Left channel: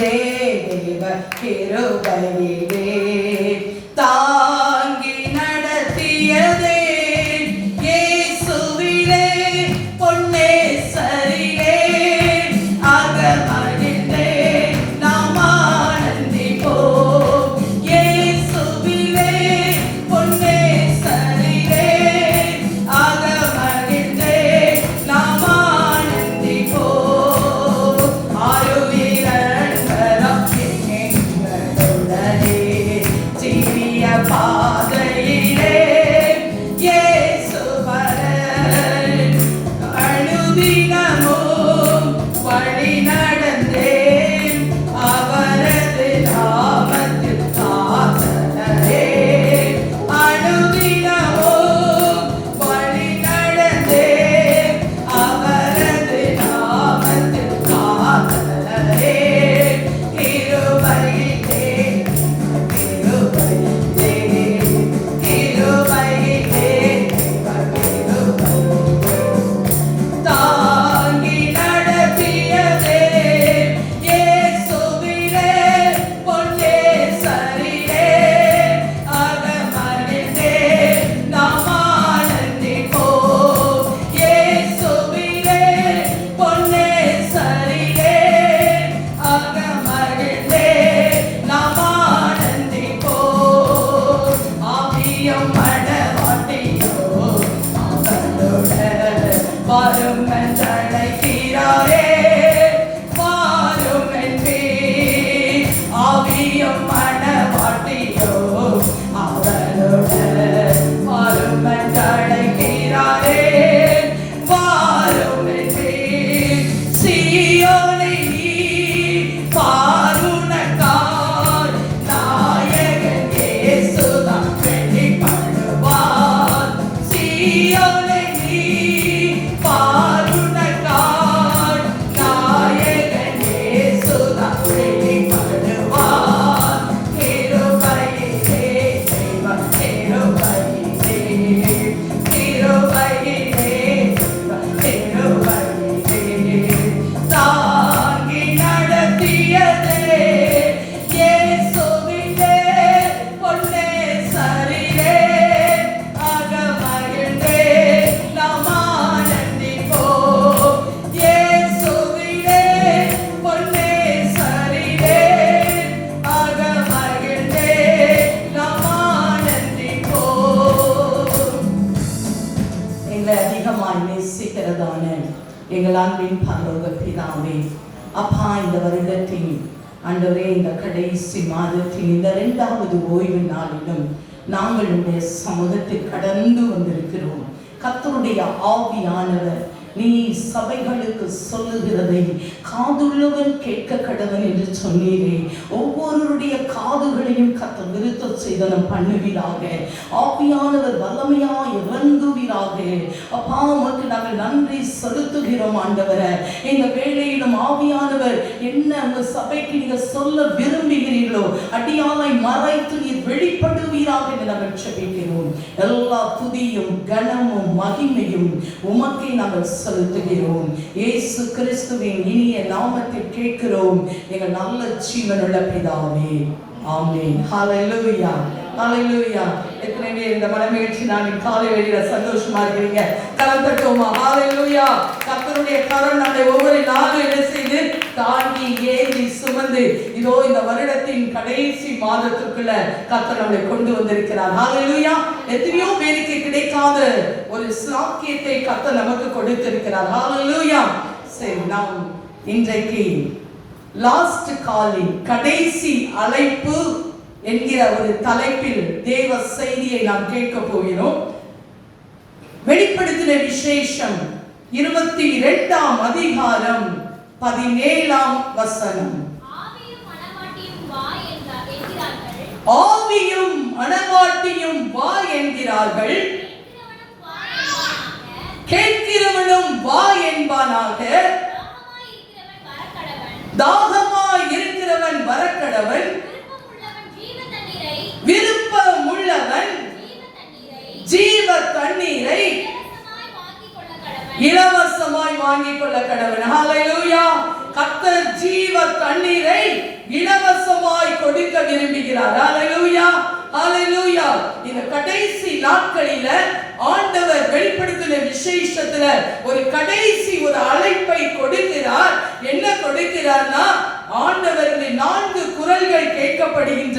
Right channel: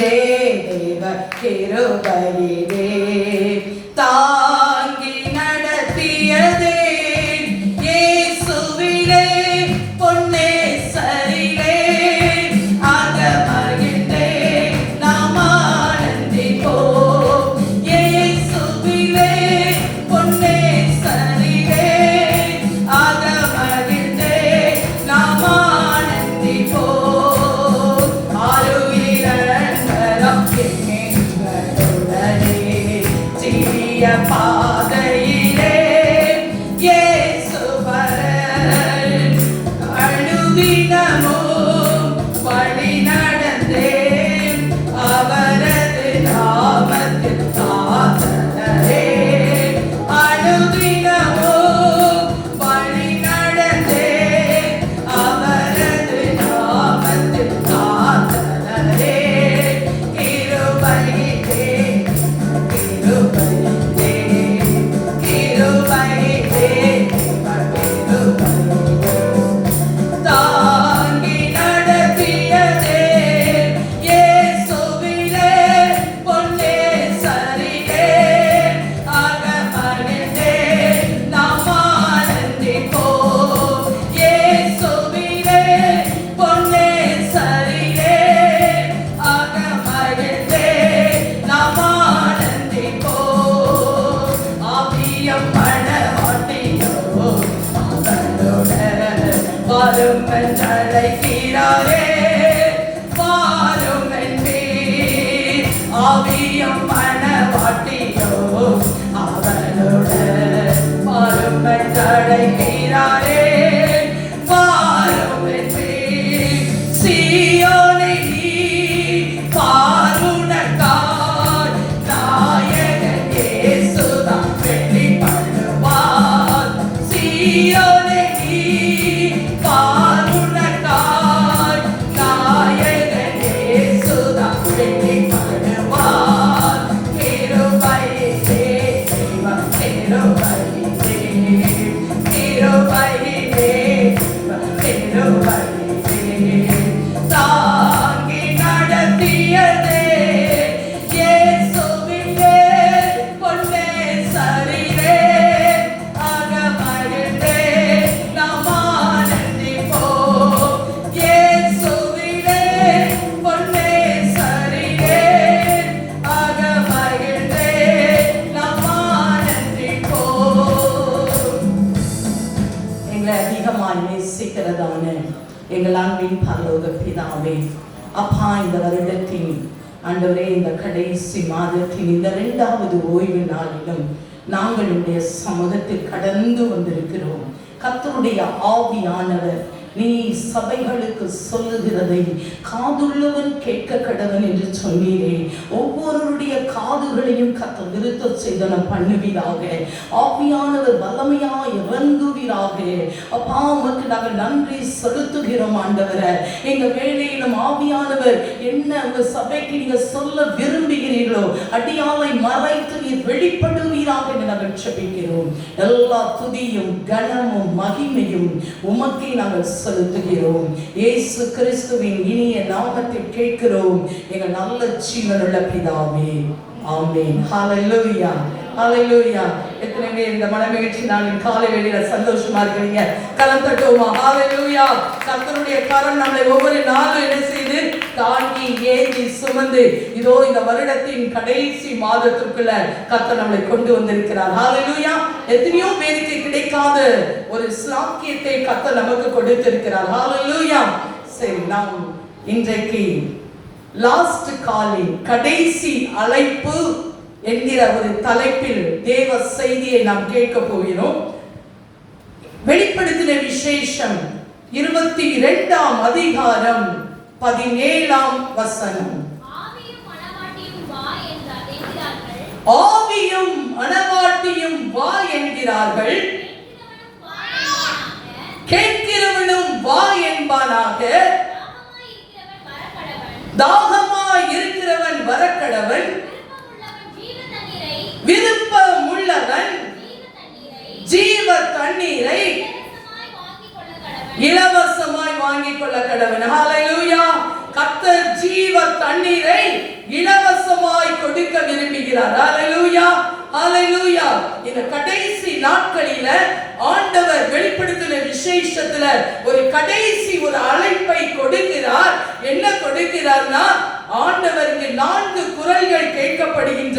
தேவ கிருபையிலே தாங்கி நடத்தியதே இயேசுவிலே பொன்னே சரிலே அகமகிழ்ந்தே நாம் ஆனந்திப்போம். இயேசுவிலே பொன்னே சரிலே அகமகிழ்ந்தே நாம் ஆனந்திப்போம். பாதையிலே இயேசு வர அனுதினமும் வழி நடந்தேன். அவரது நாமத்தில் காத்தவரே அனுதினமும் வழி நடந்தேன். அவரது நாமத்தில் காத்தவரே கிருபையிலே தாங்கி நடத்தியதே இயேசுவிலே பொன்னே சரிலே அகமகிழ்ந்தே நாம் ஆனந்திப்போம். இயேசுவிலே பொன்னே சரிலே அகமகிழ்ந்தே நாம் ஆனந்திப்போம். ஆவியம் மனவாட்டியோ அவனோட வரும் என்றழைக்கிறாரே வாரும் என்பே. ஆவியம் மனவாட்டியோ அவனோட வரும் என்றழைக்கிறாரே வாரும் என்பே. சீயோனை நீ பாருணக்காய் நாயகன் இயேசுதான் வெளிப்படுவார். சீயோனை நீ பாருணக்காய் நாயகன் இயேசுதான் வெளிப்படுவார். கிருபையிலே தெய்வம் கிருபையிலே கிருபையிலே கிருபையிலே தாங்கி நடத்தியதே இயேசுவிலே பொன்னே சரிலே அகமகிழ்ந்தே நாம் ஆனந்திப்போம். இயேசுவிலே பொன்னே சரிலே அகமகிழ்ந்தே நாம் ஆனந்திப்போம். எங்களை அதிகமாய் நேசிக்கிறதான எங்கள் அன்பின் பரலோக பிதாவே, அப்பா, இந்த வருடத்தின் ஆண்டவரே, இந்த கடைசி மாதத்தின் இந்த 2வது ஓய்வு நாளிலும் நாங்கள் உடைய சமூகத்தில் கடந்து வந்திருக்கிறோம். கர்த்தருடைய ஆவியானவர் நீ சபைகளுக்கு சொல்லுகிறதை காதுள்ளவன் கேட்க கடவன் என்று சொன்னீரே. ஒவ்வொருடைய காதுகளையும் கர்த்தர் விருத்த சேதனம் பண்ணுவீராக. ஆவியானவர் வல்லமையாய் இறங்குவீராக. அப்பா, உமக்கு நாங்கள் நன்றி செலுத்துகிறோம் ஆண்டவரே. எங்க வேளையிலும் ஆவியானவர் என்ன உங்க சபைக்கு நீங்க சொல்ல விரும்புகிறீர்களோ அடியாலை மறைத்து நீர் வெளிப்படுவீராக என்று நாங்கள் ஜெபிக்கிறோம். எல்லா துதியும் கனமும் மகிமையும் உமக்கே நாங்கள் செலுத்துகிறோம். இயேசு கிறிஸ்துவின் இனிய நாமத்தில் கேட்கிறோம் எங்கள் நல்ல ஜீவனுள்ள பிதாவே, ஆமென். ஹல்லேலூயா, ஹல்லேலூயா. எத்தனை பேர் இந்த மனமகிழ்ச்சி நாளின் காலை வேளையில சந்தோஷமா இருக்கிறீங்க? கரம் தட்டுவோமா? ஹல்லேலூயா. கர்த்தருடைய கரம் நம்மை ஒவ்வொரு நாளும் என்ன செய்து தாங்கி ஏந்தி சுமந்து இதோ இந்த வருடத்தின் கடைசி மாதத்துக்குள்ள கர்த்தர் நம்மை கொண்டு வந்திருக்கிறார். ஹல்லேலூயா. எத்தனையோ பேருக்கு கிடைக்காத ஒரு ஸ்லாக்கியத்தை கர்த்தர் நமக்கு கொடுத்திருக்கிறார். ஹல்லேலூயா. சரி, நாம் இன்றைக்கு லாஸ்ட் காலிங், கடைசி அழைப்பு என்கிற ஒரு தலைப்பில் தேவ செய்தியை நாம் கேட்க போகிறோம். வெளிப்படுத்தின விசேஷம் 22ஆம் அதிகாரம் 17ஆம் வசனம். ஆவியும் மணவாட்டியும் வா என்கிறார்கள், கேட்கிறவனும் வா என்பானாக. தாகமாய் இருக்கிறவன் வரக்கடவன், விருப்பமுள்ளவன் ஜீவ தண்ணீரை இலவசமாய் வாங்கிக் கொள்ள கடவன். ஹல்லேலூயா. கர்த்தர் ஜீவ தண்ணீரை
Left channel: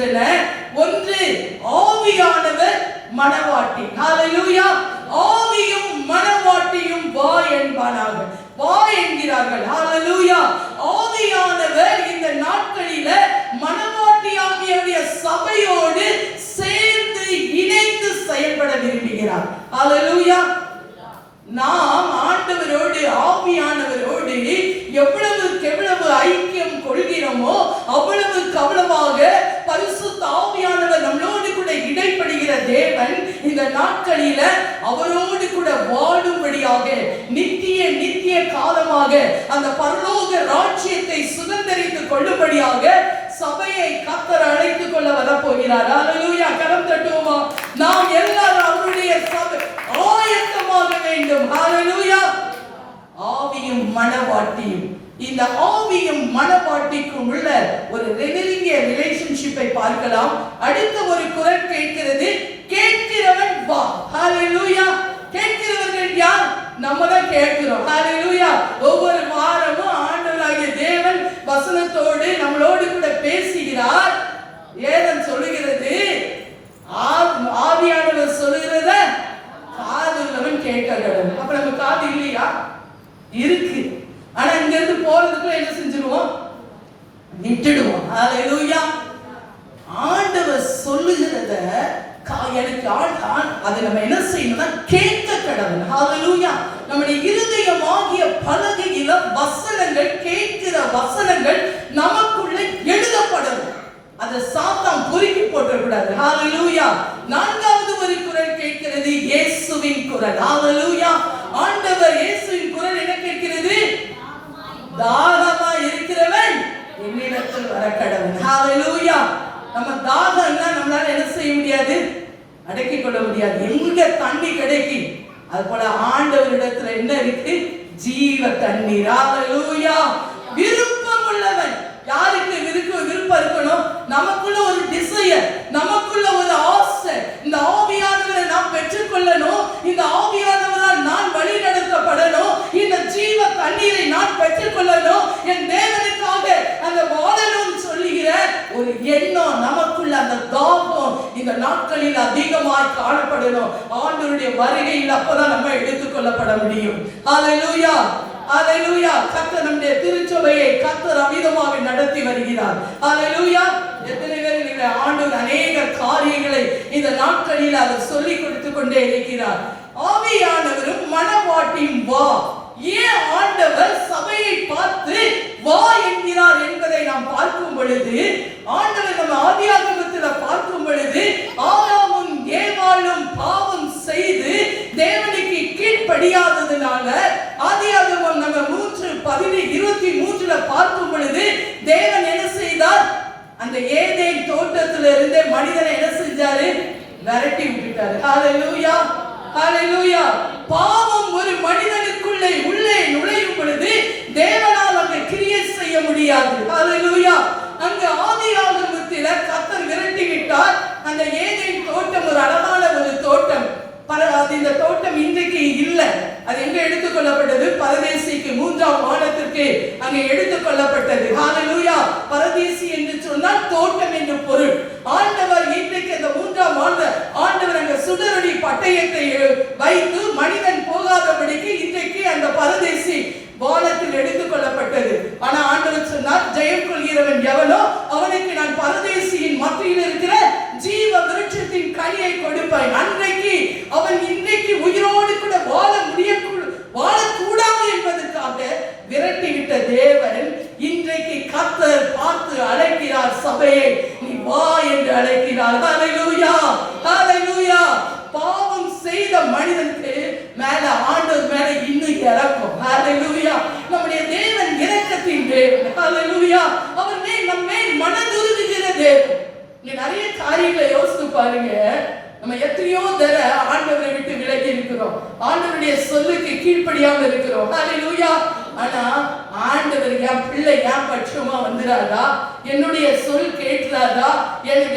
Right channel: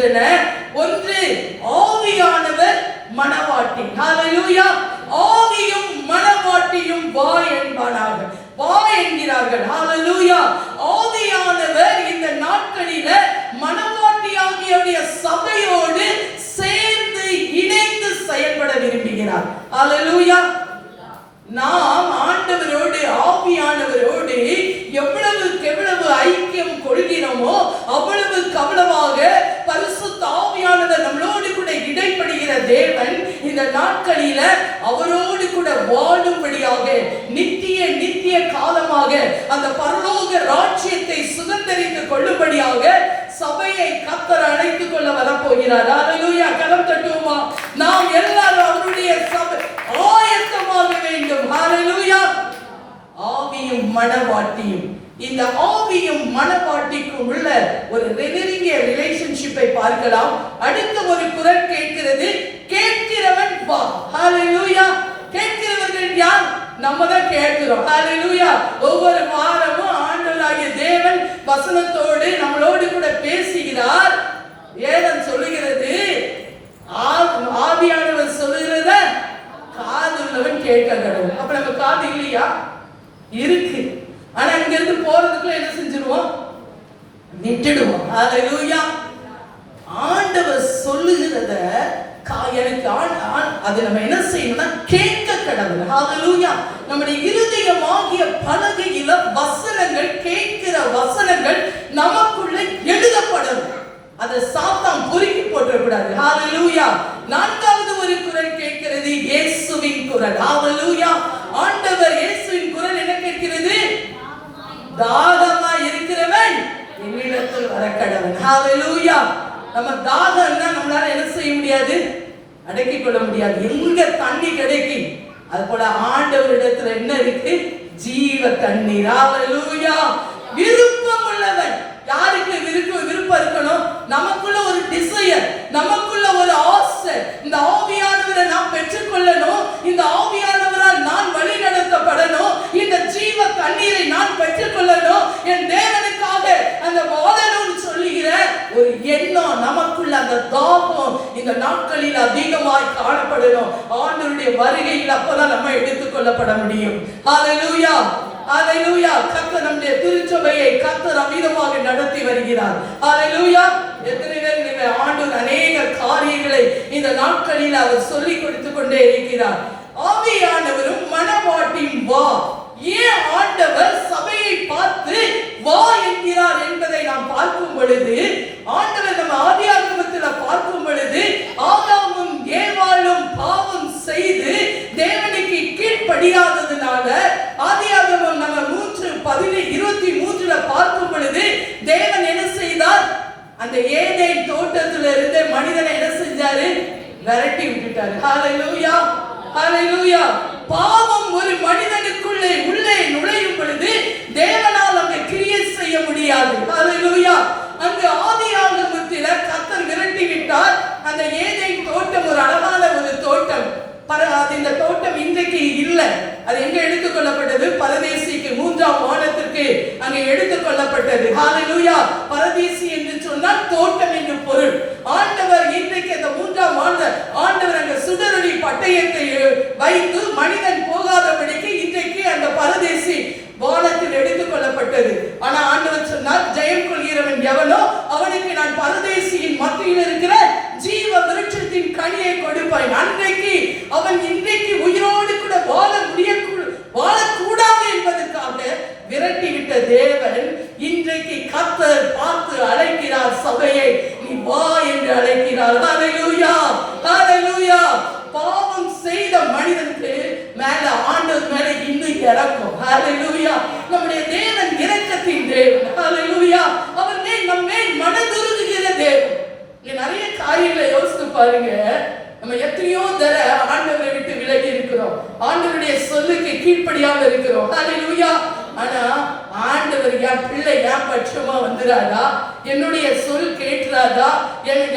இருக்கின்றன. ஒன்று ஆவியானவர் மணவாட்டி. ஹalleluya. ஆவியும் மணவாட்டியும் வா என்பார்கள், வா என்கிறார்கள். ஹalleluya. ஆவியானவர் இந்த நாட்களில மணவாட்டியாகிய சபையோடு சேர்ந்து இணைந்து செயல்பட விரும்புகிறார். ஹalleluya. நாம் ஆண்டவரோடு ஆவியானவரோடு எவ்வளவு ஐக்கியம் கொள்கிறோமோ அவ்வளவாக பரிசுத்த ஆவியானவர் நம்மளோடு கூட இடைப்படுகிற தேவன் இந்த நாட்களில அவரோடு கூட வாழும்படியாக நித்திய காலமாக அந்த பரலோக ராஜ்யத்தை சுதந்தரித்துக் கொள்ளும்படியாக சபையை கர்த்தர் அழைத்துக் கொள்ள வரப்போகிறார். ஹalleluya. கரம் தட்டுவோமா? நாம் எல்லாரும் அவருடைய சபை ஆயத்தமாக வேண்டும். ஹalleluya. ஆவியும் மணவாட்டியும், இந்த ஆவியும் மணவாட்டிக்கும் உள்ள ஒரு நெருங்கிய ரிலேஷன்ஷிப்பை பார்க்கலாம். அடுத்த ஒரு குரல் கேட்கிறது, கேட்கிறவன் வா. ஹalleluya. கேட்கிறவர்கள் யார்? நம்ம தான் கேட்கிறோம். ஹalleluya. ஒவ்வொரு வாரமும் ஆண்டவராகிய தேவன் வசனத்தோடு நம்மளோடு கூட பேசுகிறார். ஏதன் சொல்லுகிறது, ஆவியானவர் சொல்லுகிறத காதுள்ளவன் கேட்க கடவுள். அப்ப நம்ம காது இல்லையா? இருக்கு. ஆனா இங்க இருந்து போறதுக்கு என்ன செஞ்சிடுவோம்? விட்டுடுவோம். ஹalleluya. ஆண்டவர் சொல்லுகிறத எனக்கு அது நம்ம என்ன செய்யணும்னா கேட்க கடவுள். ஹalleluya. நம்முடைய இருதயமாகிய பலகையில வசனங்கள், கேட்கிற வசனங்கள் நமக்குள்ள எழுதப்படணும். அதை சாத்தான் பொறுக்கி போட்டக்கூடாது. ஹalleluya. நான்காவது ஒரு குரல் கேட்கிறது, இயேசுவின் குரல். ஹalleluya. ஆண்டவர் இயேசுவின் குரல் என்ன கேட்கிறது? தாகமா இருக்கிறவன் என்னிடத்தில் வர கடவுள். ஹalleluya. நம்ம தாகம்னா நம்மளால என்ன செய்ய முடியாது? அடக்கிக் கொள்ள முடியாது. எங்க தண்ணி கிடைக்கும்? அது போல ஆண்டவரிடத்துல என்ன இருக்கு? ஜீவ தண்ணீர். ஹalleluya. விருப்பம் உள்ளவன். யாருக்கு விருப்பம் இருக்கணும்? நமக்குள்ள ஒரு டிசையர், நமக்குள்ள ஒரு ஆசை. இந்த ஆவியானவரை நாம் பெற்றுக்கொள்ளணும். இந்த ஆவியானவரால் நான் வழி நடத்தப்படணும். இந்த ஜீவ தண்ணீரை நான் பெற்றுக்கொள்ளணும். என் தேவனுக்காக அந்த வாழணும்னு சொல்லுகிற ஒரு எண்ணம் நமக்குள்ள, அந்த தாகம் இந்த நாட்களில் அதிகமாக காணப்படணும். ஆண்டவருடைய வருகையில் அப்பதான் நம்ம எடுத்துக்கொள்ளப்பட முடியும். ஹalleluya. ஹalleluya. கர்த்தர் நம்முடைய திருச்சபையை கர்த்தர் அமிதமாக நடத்தி வருகிறார். ஹalleluya. எத்தனை பேர் நீங்க ஆண்டவர் அநேக காரியங்களை இந்த நாட்களில் அவர் சொல்லிக் கொடுத்து கொண்டே இருக்கிறார். ஆவியானவரும் மணவாட்டியும் வா. ஏன் ஆண்டவர் சபையை பார்த்து வா என்கிறார் என்பதை நாம் பார்க்கும் பொழுது, ஆண்டவர் நம்ம ஆதியாகமத்தில் பார்க்கும் பொழுது, ஆதாமும் ஏவாளும் பாவம் செய்து தேவனுக்கு கீழ்ப்படியாததுனால ஆதியாகமம் நம்ம 3:23 பார்க்கும் பொழுது தேவன் என்ன செய்தார்? அந்த ஏதேன் தோட்டத்திலிருந்து மனிதனை என்ன செஞ்சாரு? விரட்டி விட்டுட்டாரு. ஹalleluya. ஹalleluya. பாவம் ஒரு மனிதனுக்குள்ளே உள்ளே நுழையும் பொழுது தேவனால் அங்கே கிரியை செய்ய முடியாது. ஹalleluya. அங்க ஆதியாகமத்தில் கர்த்தர் விரட்டி விட்டார். அந்த ஏதேன் தோட்டம் ஒரு அழகான ஒரு தோட்டம். இந்த தோட்டம் இன்றைக்கு இல்லை. அது எங்க எடுத்துக்கொள்ளப்பட்டது? பரதேசிக்கு, 3ஆம் வானத்திற்கு அங்கே எடுத்துக்கொள்ளப்பட்டது. ஹalleluya. பரதேசி என்று சொன்னால் தோட்டம் என்று பொருள். ஆண்டவர் இன்றைக்கு அந்த 3ஆம் ஆண்டவர் அங்க சுடரொளி பட்டயத்தை வைத்து மனிதன் போகாதபடிக்கு இன்றைக்கு அந்த பரதேசி வானத்தில் எடுத்துக்கொள்ளப்பட்டது. ஆனா ஆண்டவர் சொன்னார், ஜெயம் கொள்கிறவன் எவனோ அவனுக்கு நான் பரதேசியின் மத்தியில் இருக்கிற ஜீவ விருட்சத்தின் கனியை கொடுப்பேன். அன்றைக்கு அவன் இன்றைக்கு உயிரோடு கூட வாழக்கூடாது என்பதற்காக விரட்டி விட்ட தேவன் இன்றைக்கு கர்த்தர் பார்த்து அழைக்கிறார். சபையை நீ வா என்று அழைக்கிறார். ஹalleluya. ஹalleluya. பாவம் செய்த மனிதனுக்கு மேல ஆண்டவர் மேல இன்னும் இறக்கம். ஹalleluya. நம்முடைய தேவன் இரக்கத்தின் தேவன். ஹalleluya. அவர் நம்மை மனதுருகுகிற தேவன். நீ நிறைய காரியங்களை யோசித்து பாருங்க. நம்ம எத்தனையோ தர ஆண்டவரை விட்டு விலகி இருக்கிறோம். ஆண்டவருடைய சொல்லுக்கு கீழ்ப்படியாம இருக்கிறோம். ஹalleluya. ஆனா ஆண்டவர் என் பிள்ளை என் பட்சமா வந்துறாதா? என்னுடைய சொல் கேட்கிறாதா?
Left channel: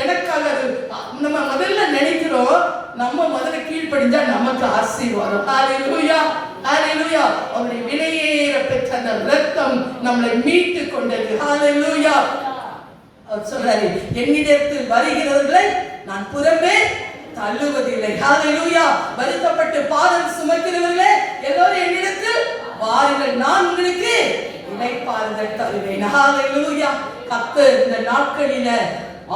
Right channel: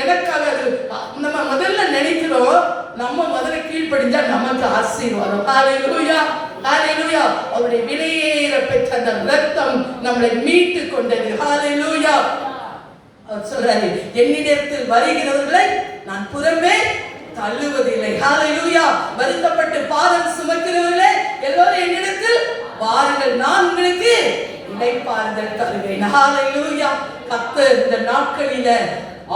எனக்காக நம்ம முதல்ல நினைக்கிறோம், நம்ம முதல்ல கீழ்ப்படிஞ்சா நமக்கு ஆசீர்வாதம். ஹalleluya. ஹalleluya. அவருடைய விலையேற பெற்ற அந்த ரத்தம் நம்மளை மீட்டு கொண்டது. ஹalleluya. அவர் சொல்றாரு, என்னிடத்தில் வருகிறவர்களை நான் புறம்பே தள்ளுவதில்லை. ஹalleluya. வருத்தப்பட்டு பாரம் சுமக்கிறவர்களே எல்லாரும் என்னிடத்தில் வாருங்கள், நான் உங்களுக்கு இளைப்பாறுதல் தருவேன். ஹalleluya. கர்த்தர் இந்த நாட்களில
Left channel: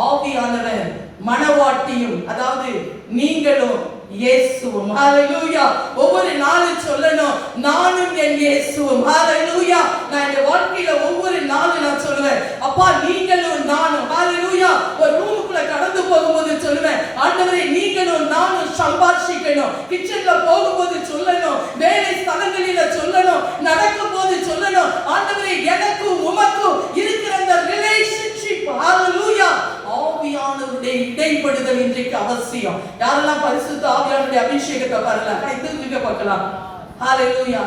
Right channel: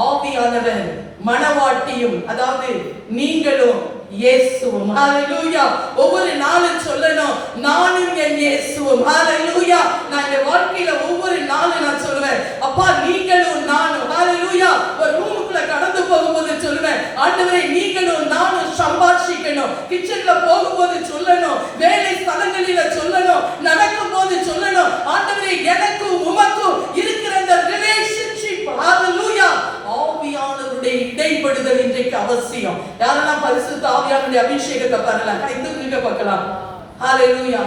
ஆவியானவர் மனவாட்டியும், அதாவது நீங்களும் இயேசுவும், ஹalleluya, ஒவ்வொரு நாளும் சொல்லணும், நானும் என் இயேசுவும். ஹalleluya. நான் இந்த வாழ்க்கையில ஒவ்வொரு நாளும் நான் சொல்லுவேன், அப்பா நீங்களும் நானும். ஹalleluya. ஒரு ரூமுக்குள்ள கடந்து போகும்போது சொல்லுவேன், ஆண்டவரே நீங்களும் நானும் சம்பாஷிக்கணும். கிச்சன்ல போகும்போது சொல்லணும், வேலை ஸ்தலங்களில சொல்லணும், நடக்கும்போது சொல்லணும், ஆண்டவரே எனக்கும் உமக்கும் இருக்கிற இந்த ரிலேஷன்ஷிப், ஹalleluya, ஆவியானவருடைய இடைப்படுதல் இன்றைக்கு அவசியம். யாரெல்லாம் பரிசுத்த ஆவியானவருடைய அபிஷேகத்தை பெறலாம், கை தூக்கி பார்க்கலாம். ஹalleluya.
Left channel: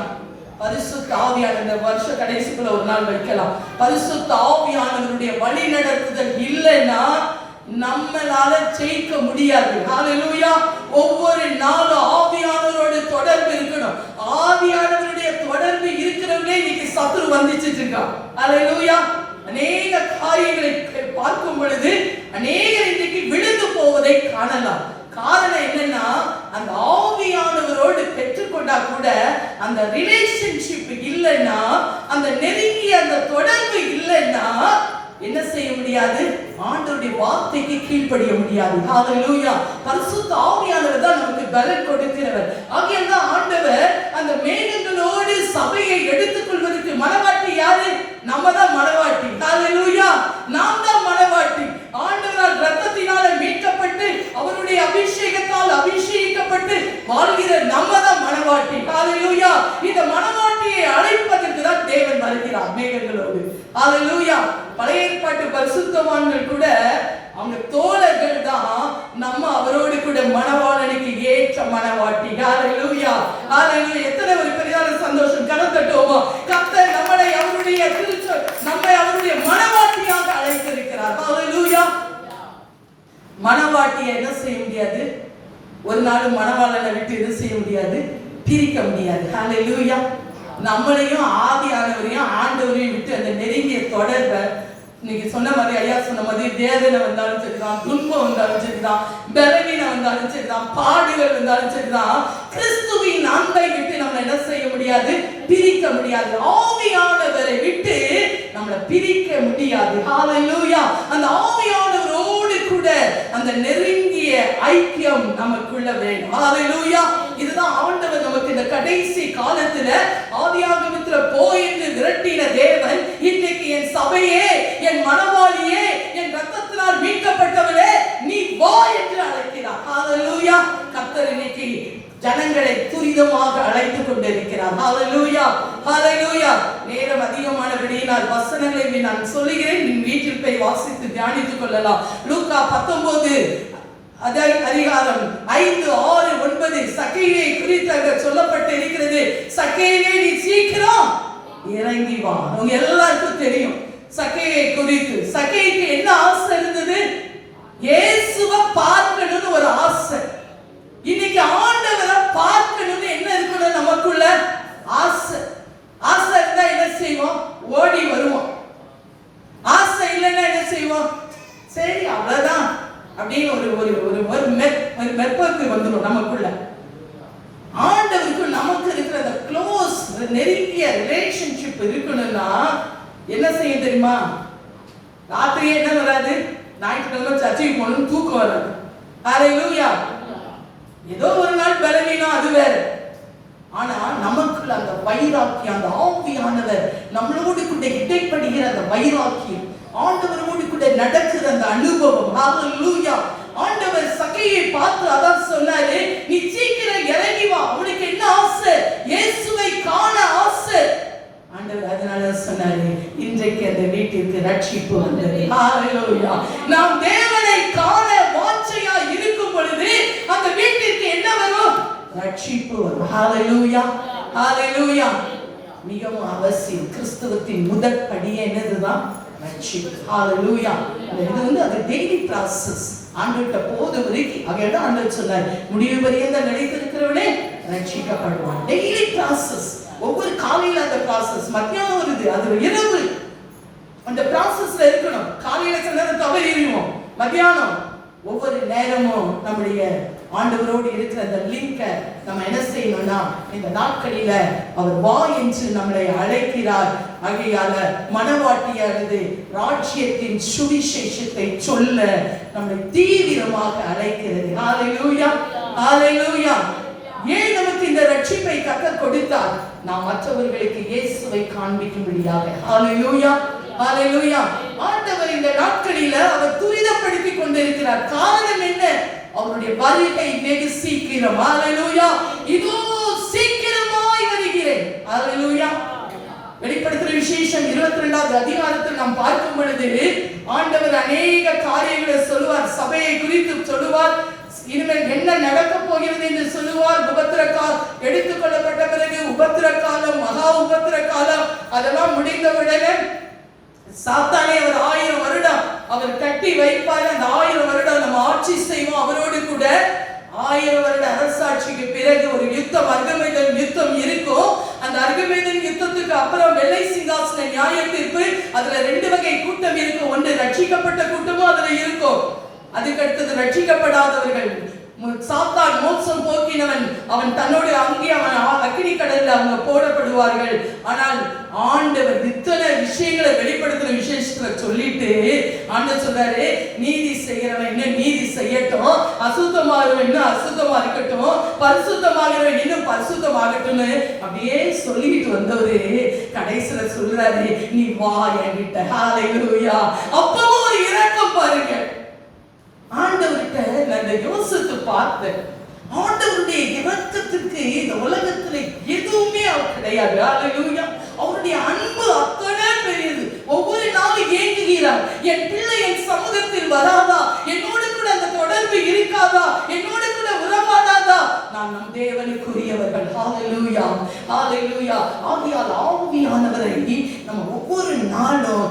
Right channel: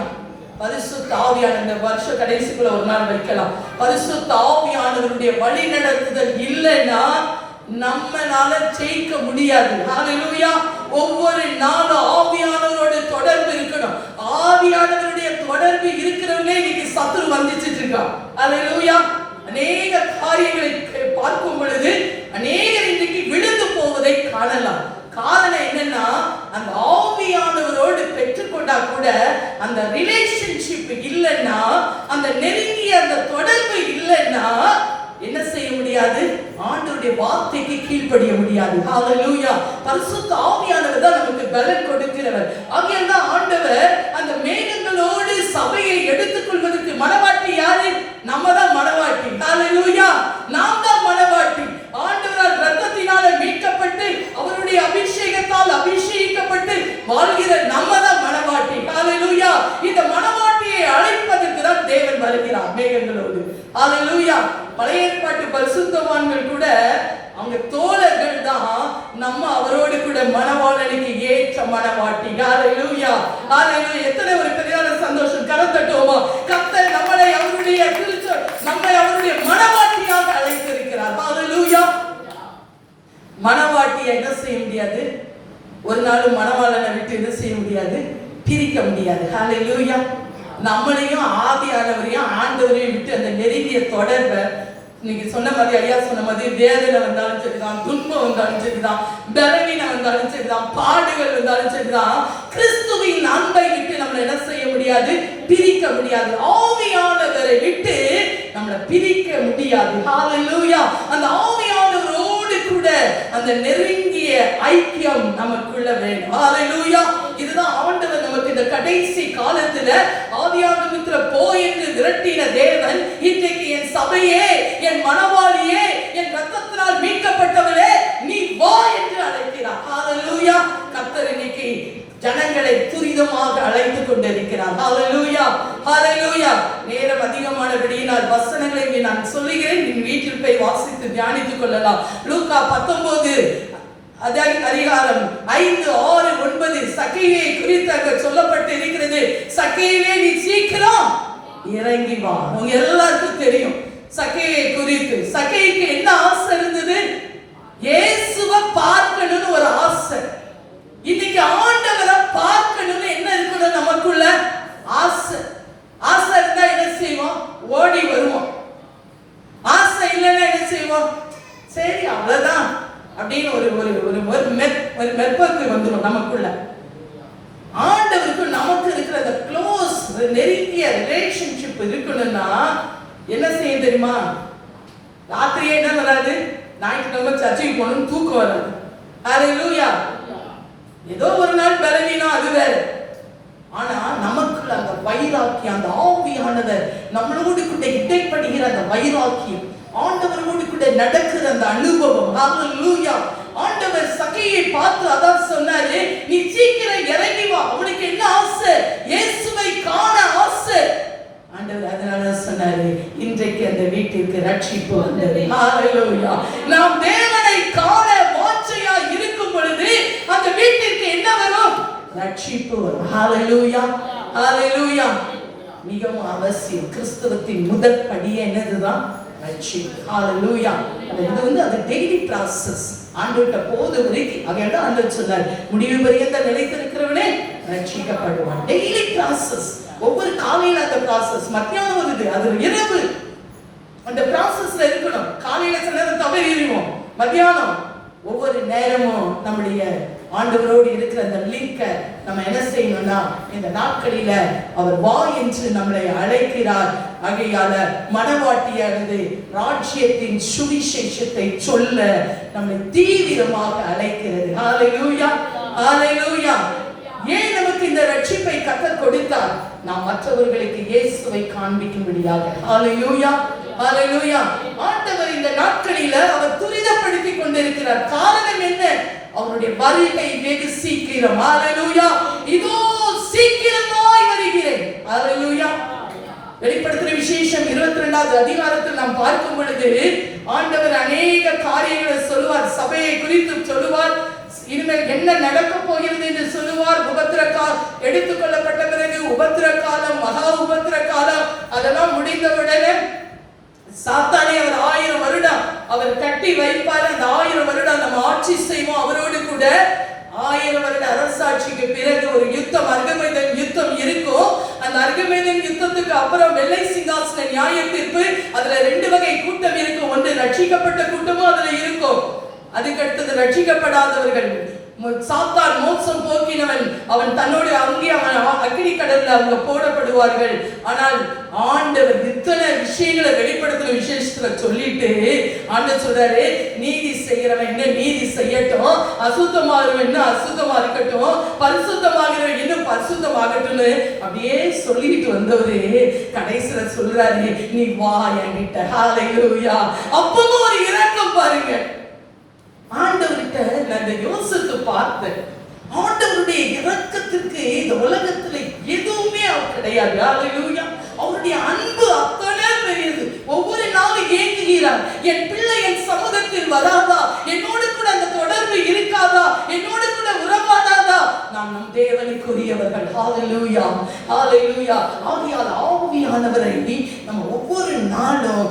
பரிசுத்த ஆவியானவர் இந்த வருஷ கடைசிக்குள்ள ஒரு நாள் வைக்கலாம். பரிசுத்த ஆவியானவருடைய வழி நடத்துதல் இல்லைன்னா நம்மளால ஜெயிக்க முடியாது. ஹalleluya. ஒவ்வொரு நாளும் ஆவியானவரோட தொடர்பு இருக்கணும். ஆவியானவருடைய தொடர்பு இருக்கிறவனே இன்னைக்கு சத்துரு வந்துச்சிட்டு இருக்கான். ஹalleluya. அநேக காரியங்களை பார்க்கும் பொழுது அநேகர் இன்னைக்கு விழுந்து போவதை காணலாம். காரணம் என்னன்னா, அந்த ஆவியானவரோடு பெற்றுக்கொண்டா கூட அந்த ரிலேஷன்ஷிப் இல்லைன்னா, அந்த நெருங்கிய அந்த தொடர்பு இல்லைன்னா என்ன செய்ய முடியாது? ஆண்டவருடைய வார்த்தைக்கு கீழ்ப்படிய முடியாது. ஹalleluya. பரிசுத்த ஆவியானவர் தான் நமக்கு பலன் கொடுக்கிறவர். ஆகையால் தான் ஆண்டவர் அந்த மேகங்களோடு சபையை எடுத்துக்கொள்வதற்கு மனவாட்டி யாரு? நம்ம தான் மனவாட்டி. ஹalleluya. நாம் தான் மனவாட்டி. ஆண்டவரால் இரத்தத்தினால மீட்கப்பட்டு அவருடைய அபிஷேகத்தால் அபிஷேகிக்கப்பட்டு வாழ்கிற நம்ம தான் மனவாட்டி. ஹalleluya. இந்த மனவாட்டியை அழைப்பதற்கு தான் தேவன் வருகிறார் மேகங்களோடு. ஹalleluya. பழைய ஏற்பாட்டு பரிசுத்தவான்கள் கூட அவங்க தோழர்கள் தான், நம்ம அவரோடு கூட மனவாளனுக்கு ஏற்ற மனவாட்டி. ஹalleluya. ஹalleluya. எத்தனை ஒரு பெரியான சந்தோஷம். கரத்தட்டுவோமா? கர்த்தர் நம்மை அவருடைய நம்மை அவருடைய மனவாட்டியாக அழைத்திருக்கிறார். ஹalleluya. மனவாட்டியை என்ன செய்ய முடியாது? ஒரு நாள் மனவாளனை விட்டு என்ன செய்ய முடியாது? பிரிக்க முடியாது. ஹalleluya. நம்மளையும் ஆவியானவரையும் ஆண்டவரையும் விட்டு அந்த நெருங்கிய தொடர்பை, நீங்க சொன்ன மாதிரி, ஐயா சொன்ன மாதிரி, வேதனை வந்தாலும் சரிதான், துன்பம் வந்தாலும் சரிதான், பலவீனம் வந்தாலும் சரிதான், பாடுகள் வந்தாலும் சரிதான், கிறிஸ்துவின் அன்பை விட்டு நம்ம என்ன செய்ய முடியாது? பிரிக்க முடியாது. ஆவியானவரை விட்டு நம்மளை பிரிக்க முடியாது. ஹalleluya. அந்த ஆவியானவரோடு கூட அந்த நெருங்கிய ஐக்கியம் நமக்குள்ள வேண்டும். ஹalleluya. இதுதான் ஆண்டவர் நமக்கு இந்த கடைசி காலத்துல ஆவியானவரிடத்துல போய் என்று விரட்டின தேவன் இன்றைக்கு என் சபையே, என் மனவாளியே, என் இரத்தத்தினால் மீட்கப்பட்டவளே, நீ வா என்று அழைக்கிறார். ஹalleluya. கர்த்தர் இன்னைக்கு ஜனங்களை துரிதமாக அழைத்துக் கொண்டிருக்கிறார். ஹalleluya. ஹalleluya. நேரம் அதிகமானபடியினால் வசனங்களை நான் சொல்லுகிறேன், நீ வீட்டில் போய் வாசித்து தியானித்துக் கொள்ளலாம். லூக்கா 19 அதிகாரம் 5, 6, 9 சக்கேயை குறித்து சொல்லப்பட்டு இருக்கிறது. சக்கேயே நீ சீக்கிரம் இறங்கி வா. உங்க எல்லாருக்கும் தெரியும் சக்கேயை குறித்து. சக்கேய்க்கு என்ன ஆசை இருந்தது? இயேசுவை பார்க்கணும்னு ஒரு ஆசை. இன்னைக்கு ஆண்டவரை பார்க்கணும்னு என்ன இருக்கணும்? நமக்குள்ள ஆசை. ஆசை இருந்தா என்ன செய்வோம்? ஓடி வருவோம். ஆசை இல்லைன்னா என்ன செய்வோம்? சரி அவ்வளவுதான் அப்படின்னு ஒரு மெற்பக்கு வந்துடும் நமக்குள்ள. ஆண்டவருக்கு நமக்கு இருக்கிற அந்த க்ளோஸ் நெருங்கிய ரிலேஷன்ஷிப் இருக்கணும்னா என்ன செய்ய தெரியுமா? ராத்திரியே என்ன வராது? ஞாயிற்றுக்கிழமை சர்ச்சைக்கு போகணும்னு தூக்கம் வராது. ஹalleluya. ஏதோ ஒரு நாள் பலவீனம், அது வேற. ஆனா நமக்குள்ள அந்த வைராக்கியம், அந்த ஆவியானவர் நம்மளோடு கூட இடைப்படுகிற அந்த வைராக்கியம், ஆண்டவரோடு கூட நடக்கிற அந்த அனுபவம். ஹalleluya. ஆண்டவர் சக்கேயை பார்த்து அதான் சொன்னாரு, நீ சீக்கிரம் இறங்கி வா. உனக்கு என்ன ஆசை? இயேசுவை காண ஆசை. ஆண்டவர் அதனால சொன்னாரு, இன்றைக்கு அந்த வீட்டிற்கு ரட்சிப்பு வந்தது. ஹalleluya. நாம் தேவனை காண வாஞ்சையா இருக்கும் பொழுது அந்த வீட்டிற்கு என்ன வரும்? ரட்சிப்பு வரும். ஹalleluya. ஹalleluya. மிகவும் அவசியம். கிறிஸ்துவத்தின் முதல் படி என்னதுதான்? ரட்சிப்பு. ஹalleluya. இது அது டெய்லி process. ஆண்டவர்ட்ட போது வரைக்கும் அவர்தான் ஆண்டவர் சொன்னார், முடிவு பரியந்த நிலைத்திருக்கிறவனே ரட்சிக்கப்படுவான். Daily process. ஒவ்வொரு காலையில அந்த process, மத்தியானம் வருது, அது இரவு அந்த processல இருக்கணும். காலையில சில நேரம் மத்தியானம் ஒவ்வொரு நேரமும் நம்முடைய ஆண்டவரோடு இருக்கிற அந்த லிங்கை நம்ம என்ன செய்யணும்னா, இந்த நாட்களில அவர் வா என்று நம்மளை அழைக்கிறார். ஆகையால மனவாட்டியானது ராஜ்யத்தின் சுவிசேஷத்தை சொல்ல நம்மை தீவிரமாக அழைக்கிறது. ஹல்லேலூயா, ஹல்லேலூயா. ஏன் நமக்கு இந்த ரட்சிப்பை கர்த்தர் கொடுத்தார்? நாம் மற்றவர்களுக்கு இயேசுவை காண்பிக்கும்படியாக. ஹல்லேலூயா, ஹல்லேலூயா. ஆண்டவர் இந்த நாட்களில அவர் துரிதப்படுத்தி கொண்டிருக்கிறார். காரணம் என்ன? அவருடைய வருகை வெகு சீக்கிரம். ஹல்லேலூயா. இதோ சீக்கிரமாய் வருகிறேன். ஹல்லேலூயா. வெளிப்படுத்தின விசேஷம் 22வது அதிகாரத்தில் நாம் பார்க்கும் பொழுது ஆண்டவர் அநேக காரியங்களை சொல்லுவார். சபையை குறித்து சொல்லுவார். இனிமேல் என்ன நடக்க போகிறது என்று சொல்லுவார். உபத்திர காலம் எடுத்துக் கொள்ளப்பட்ட பிறகு உபத்திர காலம், மகா உபத்திர காலம், அதெல்லாம் முடிந்தவுடனே சாத்தானை அவர் 1000 வருடம் அவர் கட்டி வைப்பார். அந்த 1000 வருடம் நம்ம ஆட்சி செய்வோம் அவரோடு கூட. 1000 வருட அரசாட்சிக்கு பிறகு ஒரு யுத்தம், அர்கமேதன் யுத்தம் இருக்கும். அந்த அர்கமேதன் யுத்தத்துக்கு அப்புறம் வெள்ளை சிங்காசன நியாய தீர்ப்பு. அதுல 2 வகை கூட்டம் இருக்கும். ஒன்று ரட்சிக்கப்பட்ட கூட்டமும் அதுல இருக்கும். அதுக்கு அடுத்தது ரட்சிக்கப்படாதவர்கள். சாத்தான் மோசம் போக்கினவன், அவன் தன்னோடு அங்கே அவன் அக்கினி கடல்ல அவங்க போடப்படுவார்கள். ஆனால் ஆண்டவர் இத்தனை விஷயங்களை வெளிப்படுத்துற விசேஷத்துல சொல்லிட்டு ஆண்டவர் சொல்றாரு, நீதி செய்யறவன் இன்னும் நீதி செய்யட்டும், அசுத்தமாகிறவன் இன்னும் அசுத்தமா இருக்கட்டும், பரிசுத்தமாகிறவன் இன்னும் பரிசுத்தமாகட்டும்னு அப்படியே சொல்லிட்டு வந்தவரு கடைசியில சொல்றாரு, நீ வா என்கிட்ட. ஹல்லேலூயா. அப்பவும் ஒரு இரக்கம் பாருங்க. ஆண்டவர்கிட்ட நான் யோசித்து பார்த்தேன். ஆண்டவருடைய இரக்கத்துக்கு இந்த உலகத்துல எதுவுமே கிடையாது. ஹல்லேலூயா. அவருடைய அன்பு அத்தனை பெரியது. ஒவ்வொரு நாளும் ஏங்குகிறார், என் பிள்ளை என் சமூகத்தில் வராதா, என்னோடு கூட அந்த தொடர்பு இருக்காதா, என்னோடு கூட உறவாடாதா. நாம் நம் தேவனுக்குரியவர்கள். ஹல்லேலூயா, ஹல்லேலூயா. ஆவியால் ஆவியானவரை நம்ம ஒவ்வொரு நாளும்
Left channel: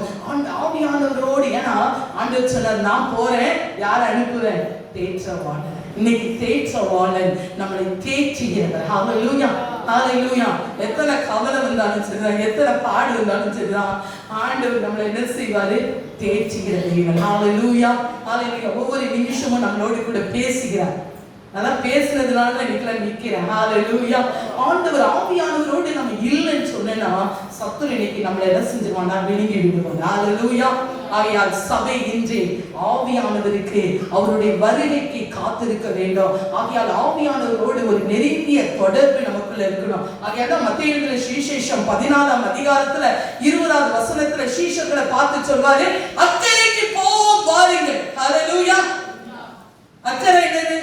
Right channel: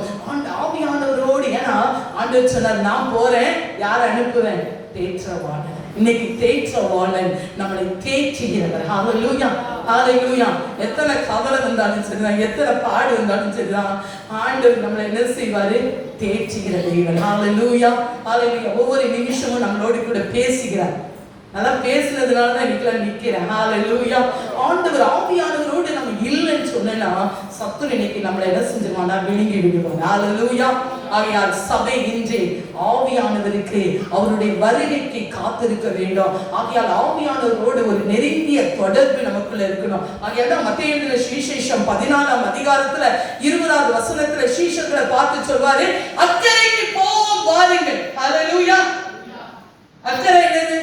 ஆவியானவரோடு, ஏன்னா ஆண்டவர் சொன்னார், நான் போறேன், யாரை அனுப்புவேன்? தேற்றவாளன். இன்னைக்கு தேற்றவாளன் நம்மளை தேற்றுகிறவர். ஹல்லேலூயா, ஹல்லேலூயா. எத்தனை கவலை வந்தாலும் சரிதான், எத்தனை பாடு வந்தாலும் சரிதான், ஆண்டவர் நம்மளை என்ன செய்வாரு? தேற்றுகிற தெய்வம். ஹல்லேலூயா, ஹல்லேலூயா. ஒவ்வொரு நிமிஷமும் நம்மளோடு கூட பேசுகிறார். அதான் பேசுறதுனால தான் இன்னைக்கு நிக்கிறேன். ஹல்லேலூயா. ஆண்டவர் ஆவியானவரோடு நம்ம இல்லைன்னு சொன்னா சத்துரு இன்னைக்கு நம்மளை என்ன செஞ்சிருவானா? விழுங்கி விடுவாங்க. ஹல்லேலூயா. ஆகையால் சபை இன்று ஆவியானவருக்கு அவருடைய வருகைக்கு காத்திருக்க வேண்டும். ஆகையால் ஆவியானவரோடு ஒரு நெருங்கிய தொடர்பு நமக்குள்ள இருக்கணும். ஆகையால் மத்தேயு எழுதின சுவிசேஷம் 14ஆம் அதிகாரத்துல 20வது வசனத்துல சீஷர்களை பார்த்து சொல்வாரு, அக்கறைக்கு போவோம் வாருங்கள். ஹல்லேலூயா. அக்கறை என்னது?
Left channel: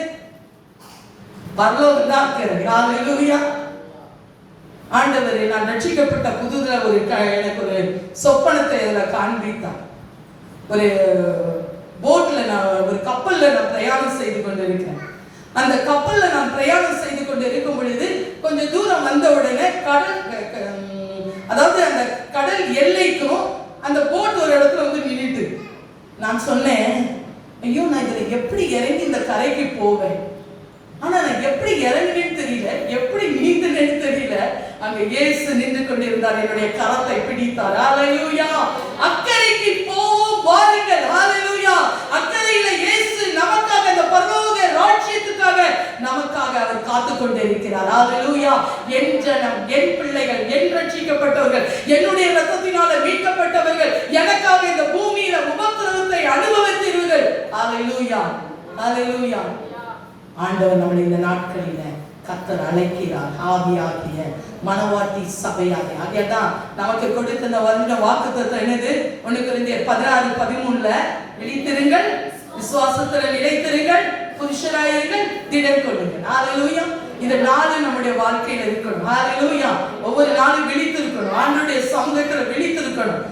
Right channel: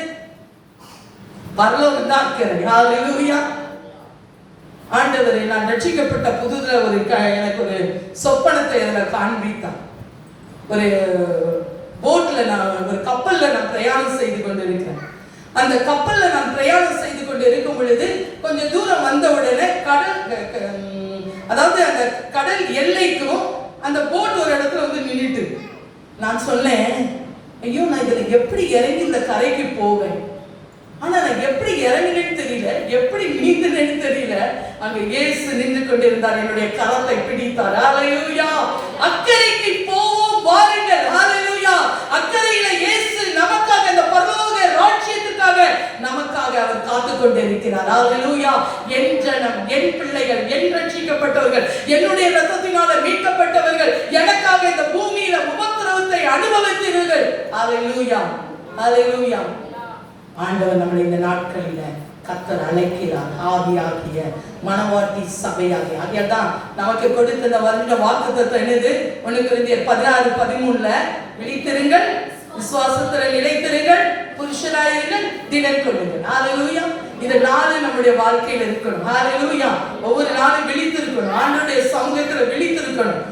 பரலோகம் தான் அக்கறை. ஹல்லேலூயா. ஆண்டவர் நான் ரட்சிக்கப்பட்ட புதுதுல எனக்கு ஒரு சொப்பனத்தை அதில் காண்பித்தார். ஒரு போட்ல நான் ஒரு கப்பல்ல நான் பிரயாணம் செய்து கொண்டிருக்கிறேன். அந்த கப்பல்ல நான் பிரயாணம் செய்து கொண்டு இருக்கும் பொழுது கொஞ்சம் தூரம் வந்த உடனே கடல், அதாவது அந்த கடல் எல்லைக்கும் அந்த போட் ஒரு இடத்துல வந்து நின்றுட்டு, நான் சொன்னேன், ஐயோ நான் இதுல எப்படி இறங்கி இந்த கரைக்கு போவேன்? ஆனா நான் எப்படி இறங்குன்னு தெரியல, எப்படி நீந்துன்னு தெரியல. அங்க இயேசு நின்று கொண்டிருந்தார், என்னுடைய கரத்தை பிடித்தார். ஹல்லேலூயா. அக்கறைக்கு போவோம் வாருங்கள். ஹல்லேலூயா. அக்கறையில இயேசு நமக்காக, அந்த பரலோக ராஜ்யத்துக்காக நமக்காக அவர் காத்துக் கொண்டிருக்கிறார். ஹல்லேலூயா. என் ஜனம், என் பிள்ளைகள், என் ரட்சிக்கப்பட்டவர்கள், என்னுடைய இரத்தத்தினால மீட்கப்பட்டவர்கள் எனக்காக இந்த பூமியில உபத்திரவத்தை அனுபவித்தீர்கள். ஹல்லேலூயா, ஹல்லேலூயா. ஆண்டவர் நம்மளை இந்த நாட்களில கர்த்தர் அழைக்கிறார். ஆவியாகிய மனவாட்டி சபையாகிய. ஆகையாதான் நமக்கு கொடுத்த இந்த வருட வாக்குத்தத்தம் என்னது? 1 கொரிந்தியர் 16:13 விழித்திருங்கள், விசுவாசத்தில் நிலைத்திருங்கள், புருஷராயிருங்கள், திடன் கொள்ளுங்கள். ஹல்லேலூயா. இந்த நாள் நம்முடைய வாழ்க்கையில இருக்கணும். ஹல்லேலூயா. ஒவ்வொரு நாளும் விழித்திருக்கணும், ஆண்டவருடைய சமூகத்துல விழித்திருக்கணும்.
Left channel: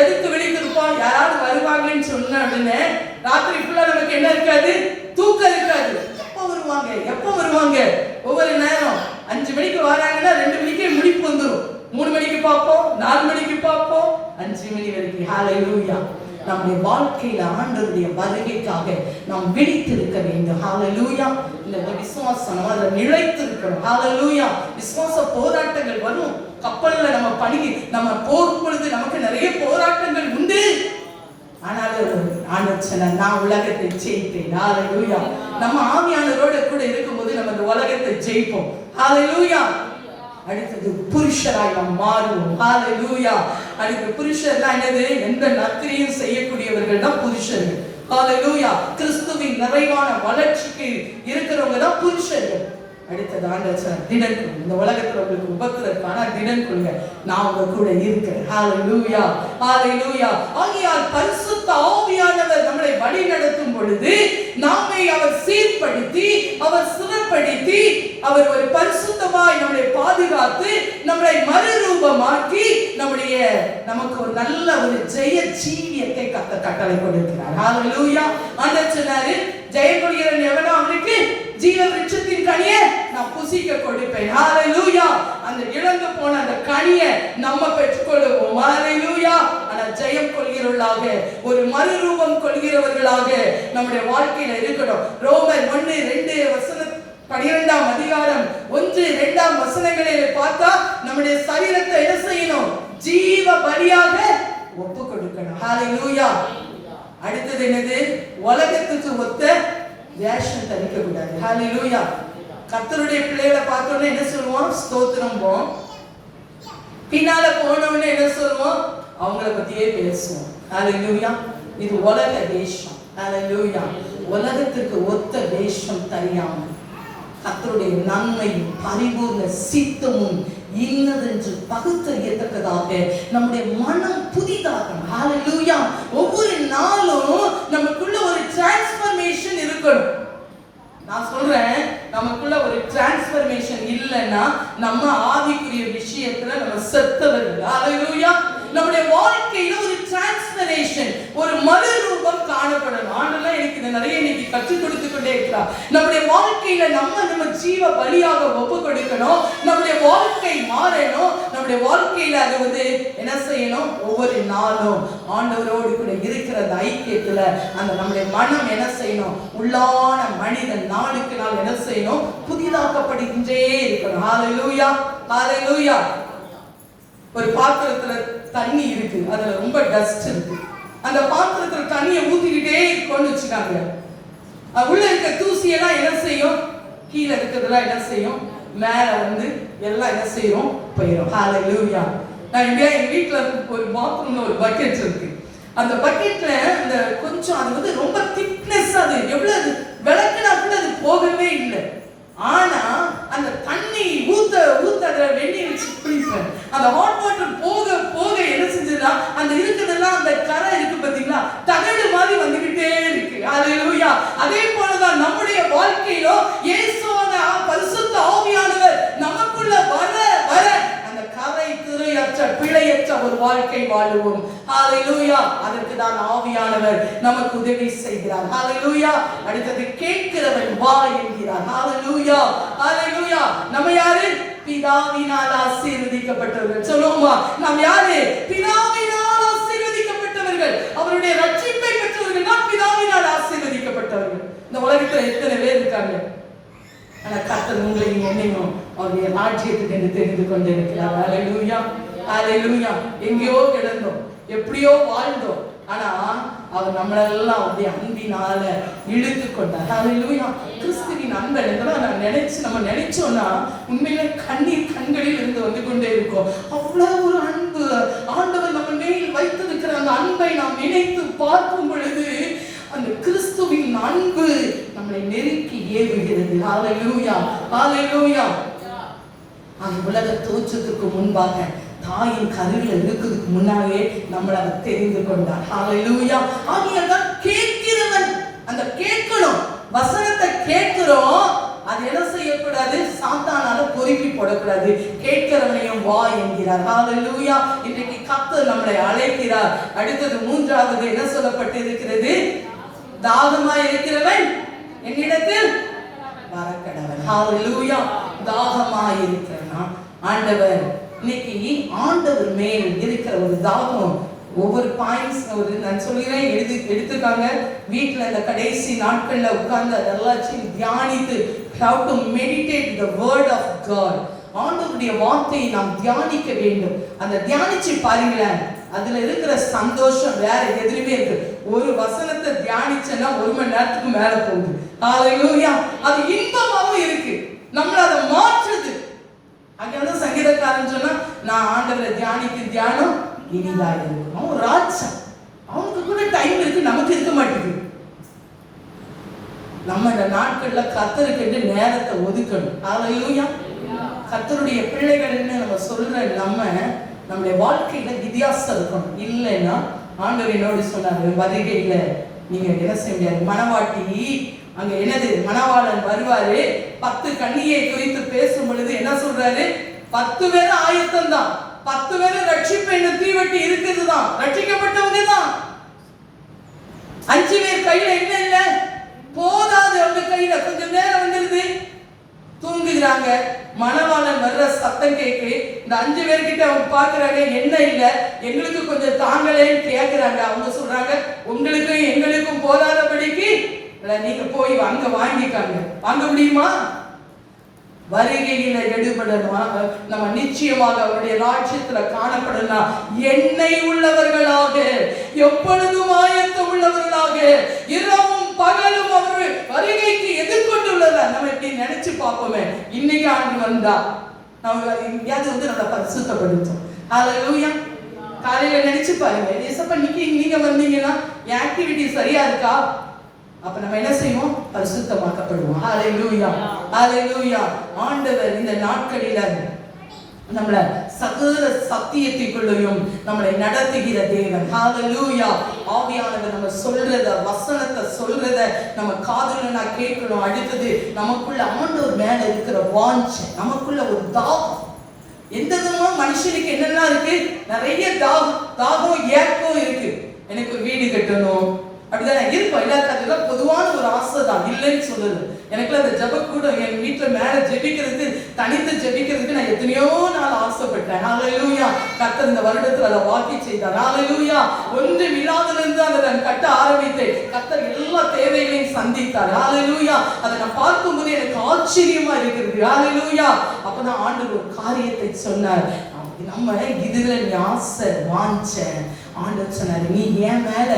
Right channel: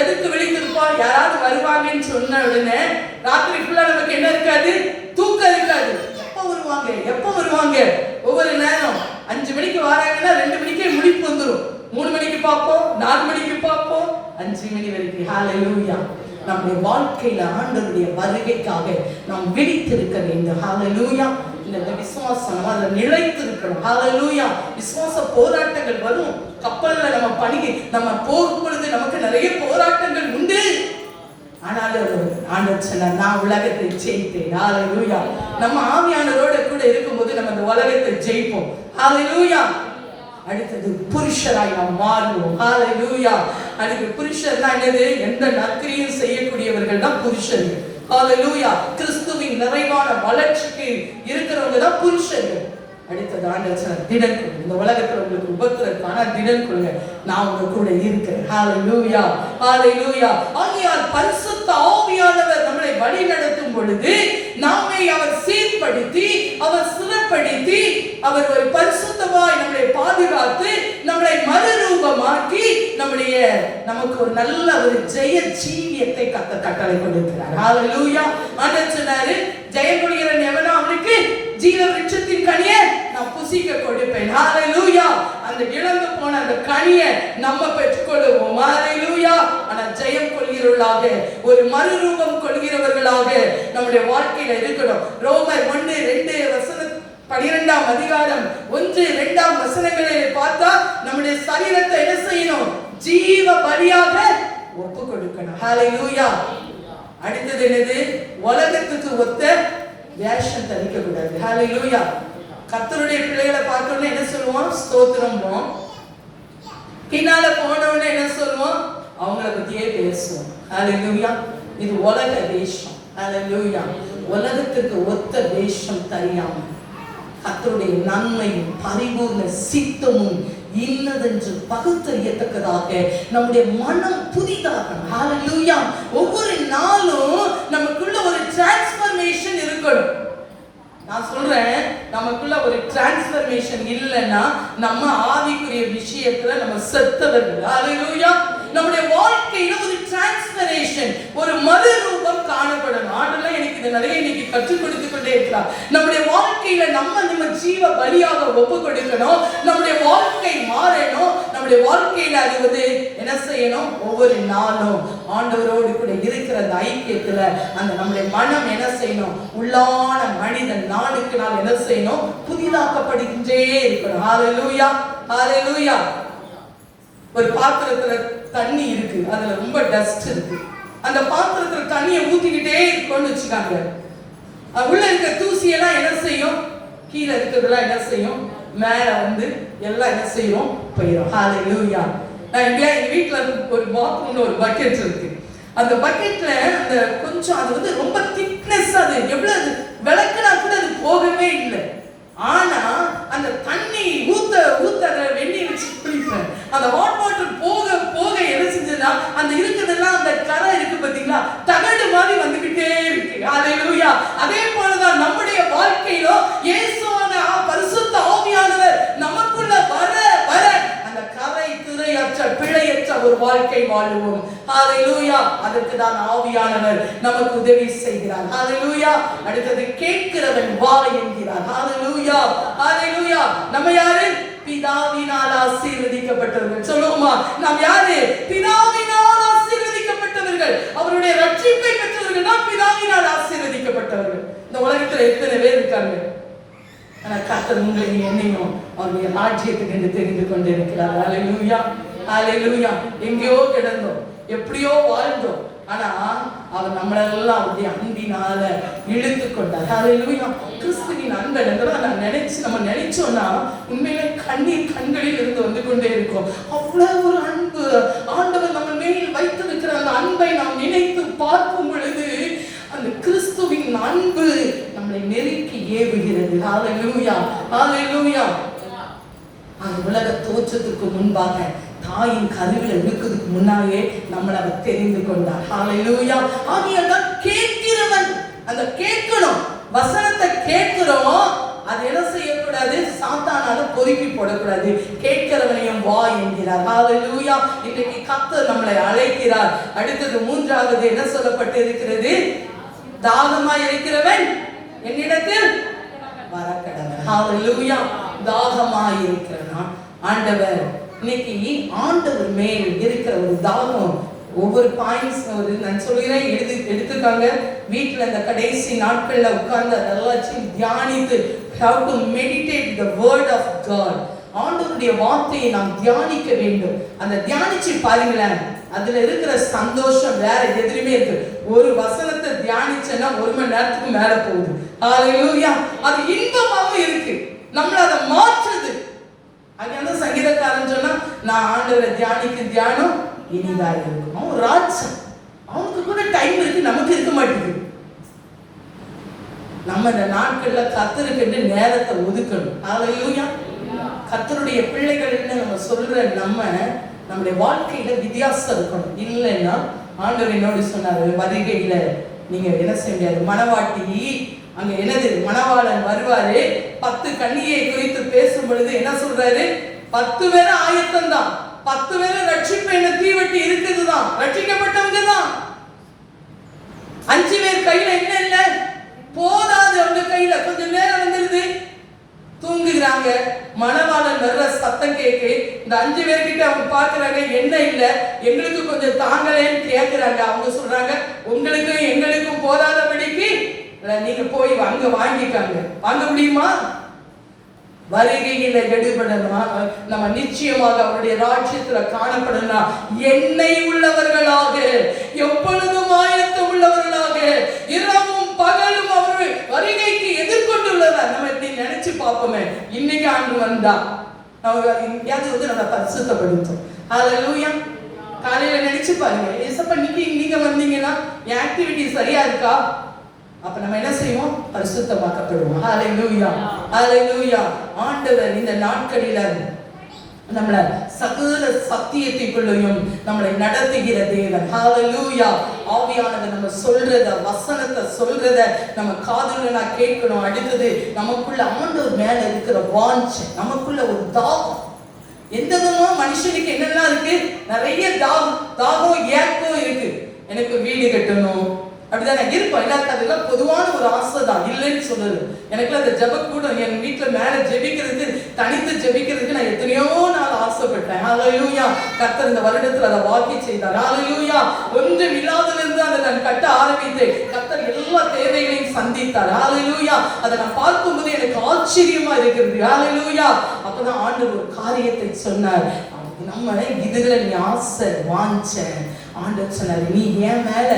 எதுக்கு விழித்திருப்போம்? யாராவது வருவாங்கன்னு சொன்ன உடனே ராத்திரி ஃபுல்லா நமக்கு என்ன இருக்காது? தூக்கம் இருக்காது. எப்ப வருவாங்க? ஒவ்வொரு நேரம் 5 மணிக்கு வராங்கன்னா 2 மணிக்கே முடிப்பு வந்துடும். 3 மணிக்கு பார்ப்போம், 4 மணிக்கு பார்ப்போம், 5 மணி வரைக்கும். ஹல்லேலூயா. நம்முடைய வாழ்க்கையில ஆண்டவருடைய வருகைக்காக நாம் விழித்திருக்க வேண்டும். ஹல்லேலூயா. இந்த விசுவாசம் அதுல நிலைத்து இருக்கணும். ஹல்லேலூயா. விசுவாச போராட்டங்கள் வரும். கப்பல்ல நம்ம போர் பொழுது நமக்கு நிறைய போராட்டங்கள் உண்டு. ஆனால் ஆண்டவர் சொன்னார், நான் உலகத்தை ஜெயித்தேன். ஹalleluya. நம்ம ஆவியானவரோட கூட இருக்கும்போது நம்ம இந்த உலகத்தை ஜெயிப்போம். ஹalleluya. அடுத்தது புருஷராய் நாம் மாறுவோம். ஹalleluya. அடுத்து புருஷர்னா என்னது? எந்த நற்கிரியும் செய்யக்கூடியவர்கள் தான் புருஷர்கள். ஹalleluya. கிறிஸ்துவின் நிறைவான வளர்ச்சிக்கு இருக்கிறவங்க தான் புருஷர்கள். அடுத்தது ஆண்டவர் சொன்னார், திடன் கொள்ளுங்க. இந்த உலகத்துல உங்களுக்கு உபத்திரக்கான திடன் கொள்ளுங்க, நான் உங்க கூட இருக்கிறேன். ஹalleluya. ஹalleluya. ஆகையால் பரிசுத்த ஆவியானவர் நம்மளை வழி நடத்தும் பொழுது நம்மை அவர் சீர்படுத்தி, அவர் சுரப்படுத்தி, அவர் ஒரு பரிசுத்தமாய் நம்மளை பாதுகாத்து, நம்மளை மறுரூபமாக்கி நமக்கு ஒரு நல்ல ஒரு ஜெய ஜீவியத்தை கட்டளை கொடுக்கிறார். ஹalleluya. ஆண்டவர் சொன்னாரு, ஜெயமுடையவன் எவனோ அவனுக்கு ஜீவ விருட்சத்தின் கனியை நான் புசிக்க கொடுப்பேன். ஹalleluya. அந்த இழந்து போன அந்த கனியை நம்ம பெற்றுக்கொள்வோம். ஹalleluya. ஆனா ஜெயம் கொள்கிறவர்களாக, ஒரு மறுரூபம் கொள்கிறவர்களாக நம்முடைய வாழ்க்கையில இருக்கணும். ரோமர் 1:2 அதிகாரம் 1-2 வசனங்களை பார்த்தா நம்முடைய சரீரத்தை என்ன செய்யணும்? ஜீவ பலியாக ஒப்பு கொடுக்கணும். ஹalleluya. அடுத்தது என்னது? உலகத்துக்கு ஒத்த வேஷம் தரிக்க கூடாது. ஹalleluya. கர்த்தருடைய பிள்ளைகளை பார்த்தோம்னா என்ன சொல்லுவோம்? ஸ்தோத்திரம்போம். பின்னால போனோம்னா என்ன சொல்லுவோம்? அவங்கள பத்தியே பேசுவோம். ஹalleluya. இது உலக வேஷம். ஹalleluya. உலகத்துக்கு ஒத்த வேஷம் தெரியாம கர்த்தருடைய நன்மையும் பரிபூர்ண சித்தமும் இன்னதென்று பகுத்தறியத்தக்கதாக நம்முடைய மனம் புதிதாக. ஹalleluya. ஒவ்வொரு நாளும் நமக்குள்ள ஒரு டிரான்ஸ்ஃபர்மேஷன் இருக்கணும். நான் சொல்றேன், நமக்குள்ள ஒரு டிரான்ஸ்ஃபர்மேஷன் இல்லைன்னா நம்ம ஆவிக்குரிய விஷயத்துல நம்ம செத்தவர்கள். ஹalleluya. நம்முடைய வாழ்க்கையில ஒரு டிரான்ஸ்ஃபர்மேஷன், ஒரு மறுரூபம் காணப்படணும். ஆண்டவரே எனக்கு இதை நிறைய இன்னைக்கு கற்றுக் கொடுத்து கொண்டே இருக்கிறார். நம்முடைய வாழ்க்கையில நம்ம ஜீவ பலியாக ஒப்பு கொடுக்கணும். நம்முடைய வாழ்க்கை மாறணும். நம்முடைய வாழ்க்கையில அது என்ன செய்யணும்? ஒவ்வொரு நாளும் ஆண்டவரோடு கூட இருக்கிற அந்த ஐக்கியத்துல அந்த நம்முடைய மனம் என்ன செய்யணும்? உள்ளான மனிதன் நாளுக்கு நாள் என்ன செய்யணும்? புதிதாக்கப்படுகின்றே இருக்கணும். ஹalleluya. ஹalleluya. ஒரு பாத்திரத்துல தண்ணி இருக்கு, அதுல ரொம்ப டஸ்ட் இருக்கு. அந்த பாத்திரத்துல தண்ணியை ஊத்திக்கிட்டே இருக்கோம்னு வச்சுக்காங்க, உள்ள இருக்க தூசி எல்லாம் என்ன செய்யும்? கீழே இருக்கிறதுலாம் என்ன செய்யும்? மேல எல்லாம் என்ன செய்யும்? போயிடும். ஹalleluya. நான் எங்க வீட்டுல ஒரு பாத்ரூம்ல ஒரு பக்கெட் இருக்கு. அந்த பக்கெட்ல அந்த கொஞ்சம் அது ரொம்ப திக்னஸ், அது எவ்வளவு விளக்குனா கூட அது போகவே இல்லை. ஆனா அந்த தண்ணி ஊத்த அதை வெண்ணி வச்சு குளிப்பேன். அந்த ஹாட் வாட்டர் போக போக என்ன செஞ்சதுன்னா அந்த இருக்குதெல்லாம் அந்த கரை இருக்கு பார்த்தீங்களா, தகடு மாதிரி வந்துகிட்டே இருக்கு. ஹalleluya. அதே போலதான் நம்முடைய வாழ்க்கையில இயேசுவான பரிசுத்த ஆவியானவர் நமக்குள்ள வர வர அந்த கரை திரையற்ற பிழையற்ற ஒரு வாழ்க்கை வாழுவோம். ஹalleluya. அதற்கு தான் ஆவியானவர் நமக்கு உதவி செய்கிறார். ஹalleluya. அடுத்தது கேட்கிறவன் வா என்கிறார். ஹalleluya. ஹalleluya. நம்ம யாரு? பிதாவினால் ஆசீர்வதிக்கப்பட்டவர்கள். சொல்லுவோமா? நாம் யாரு? பிதாவினால் ஆசீர்வதிக்கப்பட்டவர்கள். அவருடைய ரட்சிப்பை பெற்றவர்கள் தான் பிதாவினால் ஆசீர்வதிக்கப்பட்டவர்கள். இந்த உலகத்துல எத்தனை பேர் இருக்காங்க? ஆனா கர்த்தர் உங்களையும் என்னையும் அவருடைய ராஜ்யத்துக்கு என்று தெரிந்து கொண்டிருக்கிறார். ஹalleluya. ஹalleluya. எங்கேயோ கிடந்தோம், எப்படியோ வாழ்ந்தோம், ஆனா அவர் நம்மளெல்லாம் அவருடைய அன்பினால இழுத்து கொண்டார். ஹalleluya. கிறிஸ்துவின் அன்பை நம்ம நினைச்சோம்னா உண்மையிலே கண்களில் இருந்து வந்து கொண்டே இருக்கும். அவ்வளவு ஒரு அன்பு ஆண்டவர் நம்ம மேல் வைத்திருக்கிற அந்த அன்பை நாம் நினைத்து பார்க்கும் பொழுது அந்த கிறிஸ்துவின் அன்பு நம்மை நெருக்கி ஏவுகிறது. ஹalleluya. ஹalleluya. அந்த உலக தோற்றத்துக்கு முன்பாக தாயின் கருவில் இருக்கிறதுக்கு முன்னாலே நம்மளை அவர் தெரிந்து கொண்டார். ஹalleluya. ஆகியதான் கேட்கிறவன், அந்த கேட்கணும், வசனத்தை கேட்கிறோம், அது என்ன செய்யக்கூடாது? சாத்தானால பொறுக்கி போடக்கூடாது. கேட்கிறவனையும் வா என்கிறார். ஹalleluya. இன்னைக்கு கர்த்தர் நம்மளை அழைக்கிறார். அடுத்தது மூன்றாவது என்ன சொல்லப்பட்டு இருக்கிறது? தாகமாய் இருக்கிறவன் என்னிடத்தில் வரக்கடவன். ஹalleluya. தாகமாய் இருக்கிறவன் ஆண்டவர். இன்னைக்கு ஆண்டவர் மேல் இருக்கிற ஒரு தாகம், ஒவ்வொரு பாயிண்ட்ஸ் நான் சொல்கிறேன், எடுத்துக்காங்க. வீட்டில் இந்த கடைசி நாட்களில் உட்கார்ந்து அதெல்லாம் தியானித்து, how to meditate the word of God. ஆண்டவருடைய வார்த்தையை நாம் தியானிக்க வேண்டும். அந்த தியானிச்சு பாருங்களேன், அதுல இருக்கிற சந்தோஷம் வேற எதுலையுமே இருக்கு. ஒரு வசனத்தை தியானிச்சேன்னா 1 மணி நேரத்துக்கு மேல போகுது. ஹalleluya. அது இன்பமாவும் இருக்கு, நம்மள அதை மாற்றுது. அங்க சங்கீதக்காரன் சொன்னா, நான் ஆண்டவரை தியானம் இனிதா இருக்கும். அவன் ராஜா, அவனுக்கு கூட டைம் இருக்கு, நமக்கு இருக்க மாட்டேங்குது. நம்ம இந்த நாட்கள்ல கர்த்தருக்கு நேரத்தை ஒதுக்கணும். ஹalleluya. கர்த்தருடைய பிள்ளைகள்னு நம்ம சொல்ற நம்முடைய வாழ்க்கையில வித்தியாசம் இருக்கணும். இல்லைன்னா ஆண்டவர் என்னோட சொன்னாரு, வருகையில நீங்க என்ன செய்ய, மணவாட்டி அங்க என்னது, மணவாளன் வருவாரு, 10 கன்னியை குறித்து பேசும் பொழுது என்ன சொல்றாரு, 10 பேரும் ஆயத்தம் தான், 10 பேரும் ரட்சிப்பு என்ன தீவட்டி இருக்குது தான், ரட்சிக்கப்பட்டவங்க தான். 5 பேர் கையில என்ன இல்ல, போதாது, அவங்க கையில கொஞ்சம் நேரம் வந்துருது, தூங்குகிறாங்க. மணவாளன் வர்ற சத்தம் கேட்கு, இந்த 5 பேர்கிட்ட அவங்க பாக்குறாங்க, என்ன இல்ல, எங்களுக்கு கொஞ்சம் தாங்களேன்னு கேட்கிறாங்க. அவங்க சொல்றாங்க, உங்களுக்கும் எங்களுக்கும் போதாதபடிக்கு நீங்க போய் அங்க வாங்கிக்காங்க. வாங்க முடியுமா? வருகையில எடுபடணும், நம்ம நிச்சயமாக அவருடைய ராஜ்யத்துல காணப்படணும். எண்ணெய் உள்ளவர்களாக, எப்பொழுதும் ஆயத்தம் உள்ளவர்களாக, இரவும் பகலும் அவர் வருகைக்கு எதிர்கொண்டுள்ளவர். நம்ம இப்படி நினைச்சு பார்ப்போமே, இன்னைக்கு ஆண்டு வந்தா நம்ம எங்கேயாவது நம்ம பரிசுத்தப்படுத்தும். ஹalleluya. காலையில நினைச்சு பாருங்க, ஏசப்பா நீங்க வந்தீங்கன்னா ஆக்டிவிட்டி சரியா இருக்கா? அப்ப நம்ம என்ன செய்வோம், பரிசுத்தமாக்கப்படுவோம். ஹalleluya, ஹalleluya. ஆண்டவர் இந்த நாட்களில நம்மள சகல சத்தியத்திற்குள்ளையும் நம்மளை நடத்துகிற தேவன். ஹalleluya. ஆவியானவர் நம்ம சொல்றத, வசனத்தை சொல்றத நம்ம காதுல கேட்கணும். அடுத்தது நமக்குள்ள ஆண்டவர் மேல இருக்கிற வாஞ்சை, நமக்குள்ள ஒரு தாகம். எந்த விதமும் மனுஷனுக்கு என்னெல்லாம் இருக்கு, நிறைய தாகம் ஏக்கம் இருக்கு. எனக்கு வீடு கட்டணும், அப்படிதானே இருப்போம். எல்லாருக்கும் பொதுவான ஒரு ஆசை தான், இல்லைன்னு சொல்லுது. எனக்கு அந்த ஜெப கூட என் வீட்டுல மேல ஜெபிக்கிறதுக்கு, தனித்து ஜெபிக்கிறதுக்கு நான் எத்தனையோ நாள் ஆசைப்பட்டேன். ஹalleluya. கர்த்தர் இந்த வருடத்துல அதை வாக்கி செய்தார். ஹalleluya. ஒன்றும் இல்லாததிலிருந்து அதை நான் கட்ட ஆரம்பித்தேன். கர்த்தர் எல்லா தேவைகளையும் சந்தித்தார். ஹalleluya. அதை நான் பார்க்கும்போது எனக்கு ஆச்சரியமா இருக்கிறது. ஹalleluya. அப்பதான் ஆண்டவர் ஒரு காரியத்தை சொன்னார். நம்ம இதுல நீ ஆசை வாஞ்ச, ஆண்டவர் சொன்னார், நீ என் மேல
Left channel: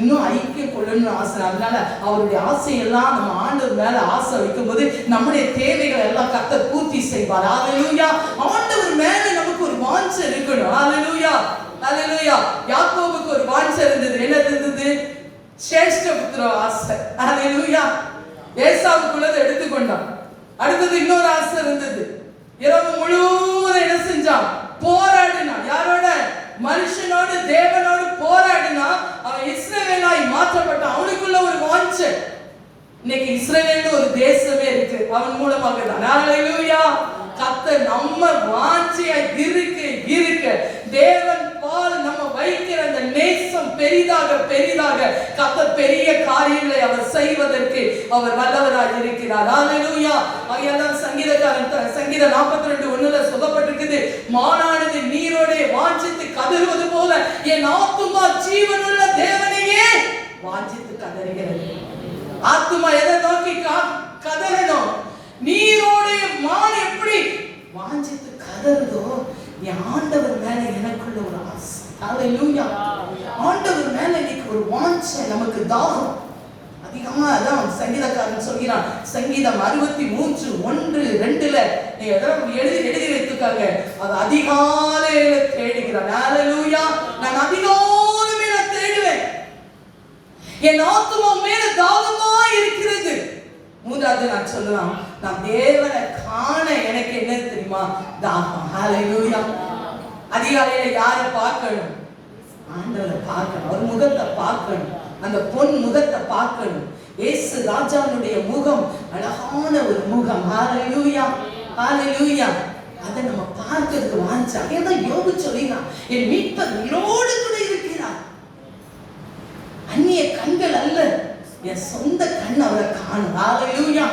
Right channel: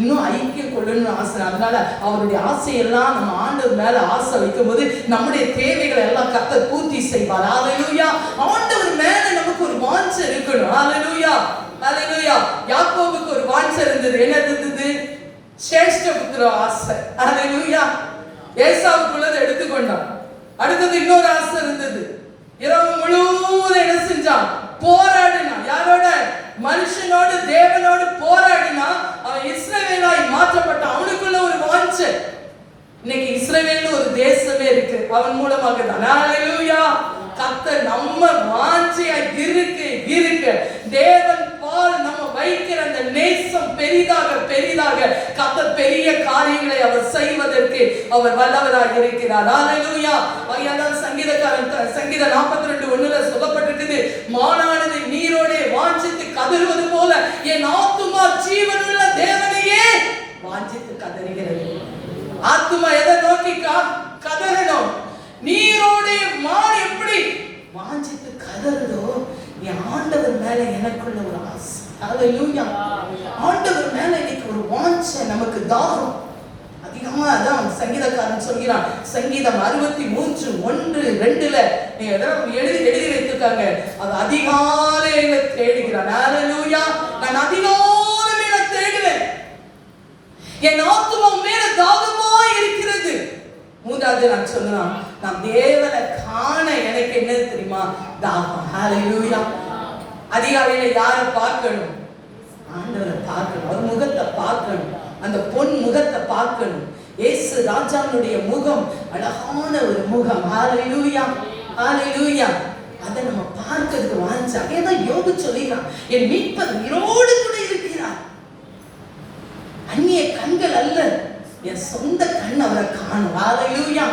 இன்னும் ஐக்கியம் கொள்ளணும்னு ஆசை. அதனால அவருடைய ஆசையெல்லாம் நம்ம ஆண்டவர் மேல ஆசை வைக்கும் போது நம்முடைய தேவைகளை எல்லாம் கர்த்தர் பூர்த்தி செய்வார். ஹalleluya. ஆண்டவர் மேல நமக்கு ஒரு வாஞ்சை இருக்கணும். ஹalleluya, ஹalleluya. யாக்கோபுக்கு ஒரு வாஞ்சை இருந்தது. என்ன இருந்தது? சேஷ்ட புத்திர ஆசை. ஹalleluya. ஏசாவுக்குள்ளதை எடுத்துக்கொண்டான். அடுத்தது இன்னொரு ஆசை இருந்தது. இரவு முழுவதும் என்ன செஞ்சான்? போராடினான். யாரோட? மனுஷனோடு, தேவனோடு போராடினா அவன் இஸ்ரவேலாய் மாற்றப்பட்டான். அவனுக்குள்ள ஒரு வாஞ்சை. இன்னைக்கு இஸ்ரவேல்னு ஒரு தேசமே இருக்கு, அவன் மூலமாக தான். ஹalleluya. கர்த்தர் நம்ம வாஞ்சையா இருக்க தேவன் பால் நம்ம வைக்கிற அந்த நேசம் பெரிதாக பெரிதாக கர்த்தர் பெரிய காரியங்களை அவர் செய்வதற்கு அவர் வல்லவராக இருக்கிறார். ஹalleluya. அங்கதான் சங்கீதக்காரன் சங்கீதம் 42:1 சொல்லப்பட்டிருக்குது, மானானது நீரோடே வாஞ்சித்து கதறுவது போல என் ஆத்துமா ஜீவனுள்ள தேவனையே வாஞ்சித்து கதறுகிறது. ஆத்துமா எதை நோக்கி கதறணும்? நீரோடே மான் எப்படி வாஞ்சித்து கதறுதோ, நீ ஆண்டவர் மேல எனக்குள்ள ஒரு ஆசை. ஹalleluya. ஆண்டவர் மேல எனக்கு ஒரு வாஞ்சை, நமக்கு தாகம் அதிகமா. அதான் சங்கீதக்காரன் சொல்கிறான், சங்கீதம் 63:1-2 எழுதி வைத்துக்காங்க, அது அதிகாலையில தேடுகிறான். ஹalleluya. நான் அதிகாலையில தேடுவேன், என் ஆத்துமா மேல தாகமா இருக்கிறது. மூன்றாவது நான் சொல்லலாம், நான் தேவனை காண எனக்கு என்ன தெரியுமா? தாகம். ஹalleluya. அதிகாலையில யாரை பார்க்கணும்? ஆண்டவரை பார்க்கணும், அவர் முகத்தை பார்க்கணும், அந்த பொன் முகத்தை பார்க்கணும். இயேசு ராஜாவுடைய முகம் அழகான ஒரு முகம். ஹalleluya, ஹalleluya. அதை நம்ம பார்க்கிறதுக்கு வாஞ்சா. ஏதோ யோபு சொல்லினான், என் மீட்பர் உயிரோடு கூட இருக்கிறார். அந்நிய கண்கள் அல்ல, என் சொந்த கண் அவரை காணும். ஹalleluya.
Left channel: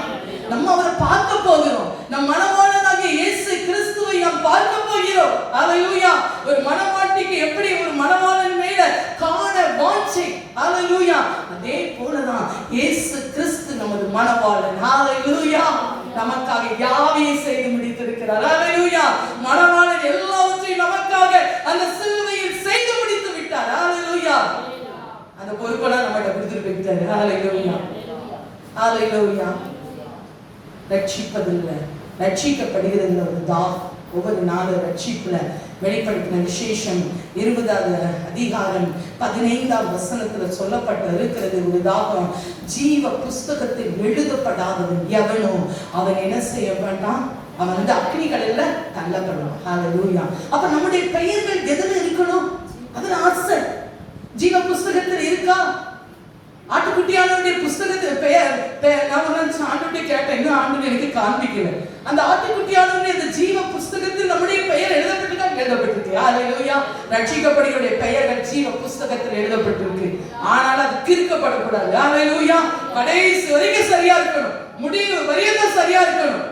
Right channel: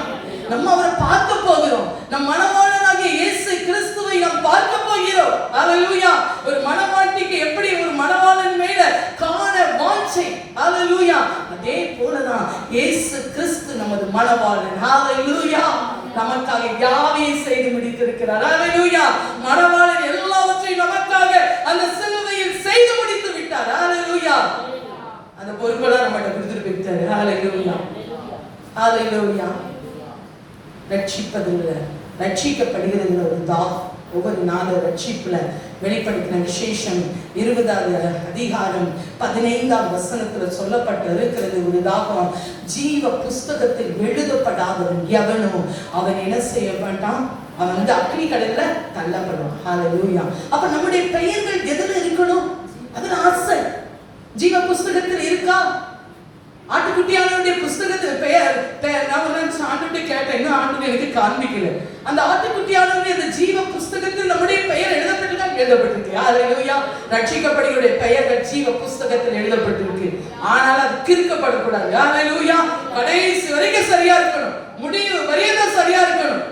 நம்ம அவரை பார்க்க போகிறோம். நம் மணவாளனாகிய இயேசு கிறிஸ்துவை நாம் பார்க்க போகிறோம். ஹalleluya. ஒரு மணவாட்டிக்கு எப்படி ஒரு மணவாளன் மேல காண வாஞ்சை, ஹalleluya, அதே போலதான் இயேசு கிறிஸ்து நமது மணவாளன். ஹalleluya. நமக்காக யாவையும் செய்து முடித்திருக்கிறார். ஹalleluya. மணவாளன் எல்லாவற்றையும் நமக்காக அந்த சிலுவையில் செய்து முடித்து விட்டார். ஹalleluya. அந்த பொறுப்பெல்லாம் நம்மகிட்ட கொடுத்துட்டு போயிட்டாரு. ஹalleluya ஹalleluya. ரட்சிப்பதில்லை, ரட்சிக்கப்படுகிறது ஒரு தாகம். ஒவ்வொரு நாளும் ரட்சிப்புல வெளிப்படுத்தின விசேஷம் 20வது அதிகாரம் 15வது வசனத்துல சொல்லப்பட்டு இருக்கிறது. ஒரு தாகம். ஜீவ புஸ்தகத்தில் எழுதப்படாதவன் எவனோ அவன் என்ன செய்ய மாட்டான், அவன் அக்னி கடல்ல தள்ளப்படுவான். ஹalleluya. அப்ப நம்முடைய பெயர்கள் எதுல இருக்கணும்? அதுல ஆசை ஜீவ புஸ்தகத்தில் இருக்கா? ஆட்டுக்குட்டியானவருடைய புஸ்தகத்துல பெயர் நான் ஆண்டுகிட்ட கேட்டேன், இன்னும் ஆண்டு எனக்கு காண்பிக்கல. அந்த ஆட்டுக்குட்டியானவருடைய அந்த ஜீவ புஸ்தகத்தில் நம்முடைய பெயர் எழுதப்பட்டிருக்கா? எழுதப்பட்டிருக்கு. ஹalleluya. ரட்சிக்கப்படுகிற பெயர்கள் ஜீவ புஸ்தகத்தில் எழுதப்பட்டிருக்கு. ஆனால் அது கிறுக்கப்படக்கூடாது. ஹalleluya. கடைசி வரைக்கும் சரியா இருக்கணும், முடிவு வரைக்கும் சரியா இருக்கணும்.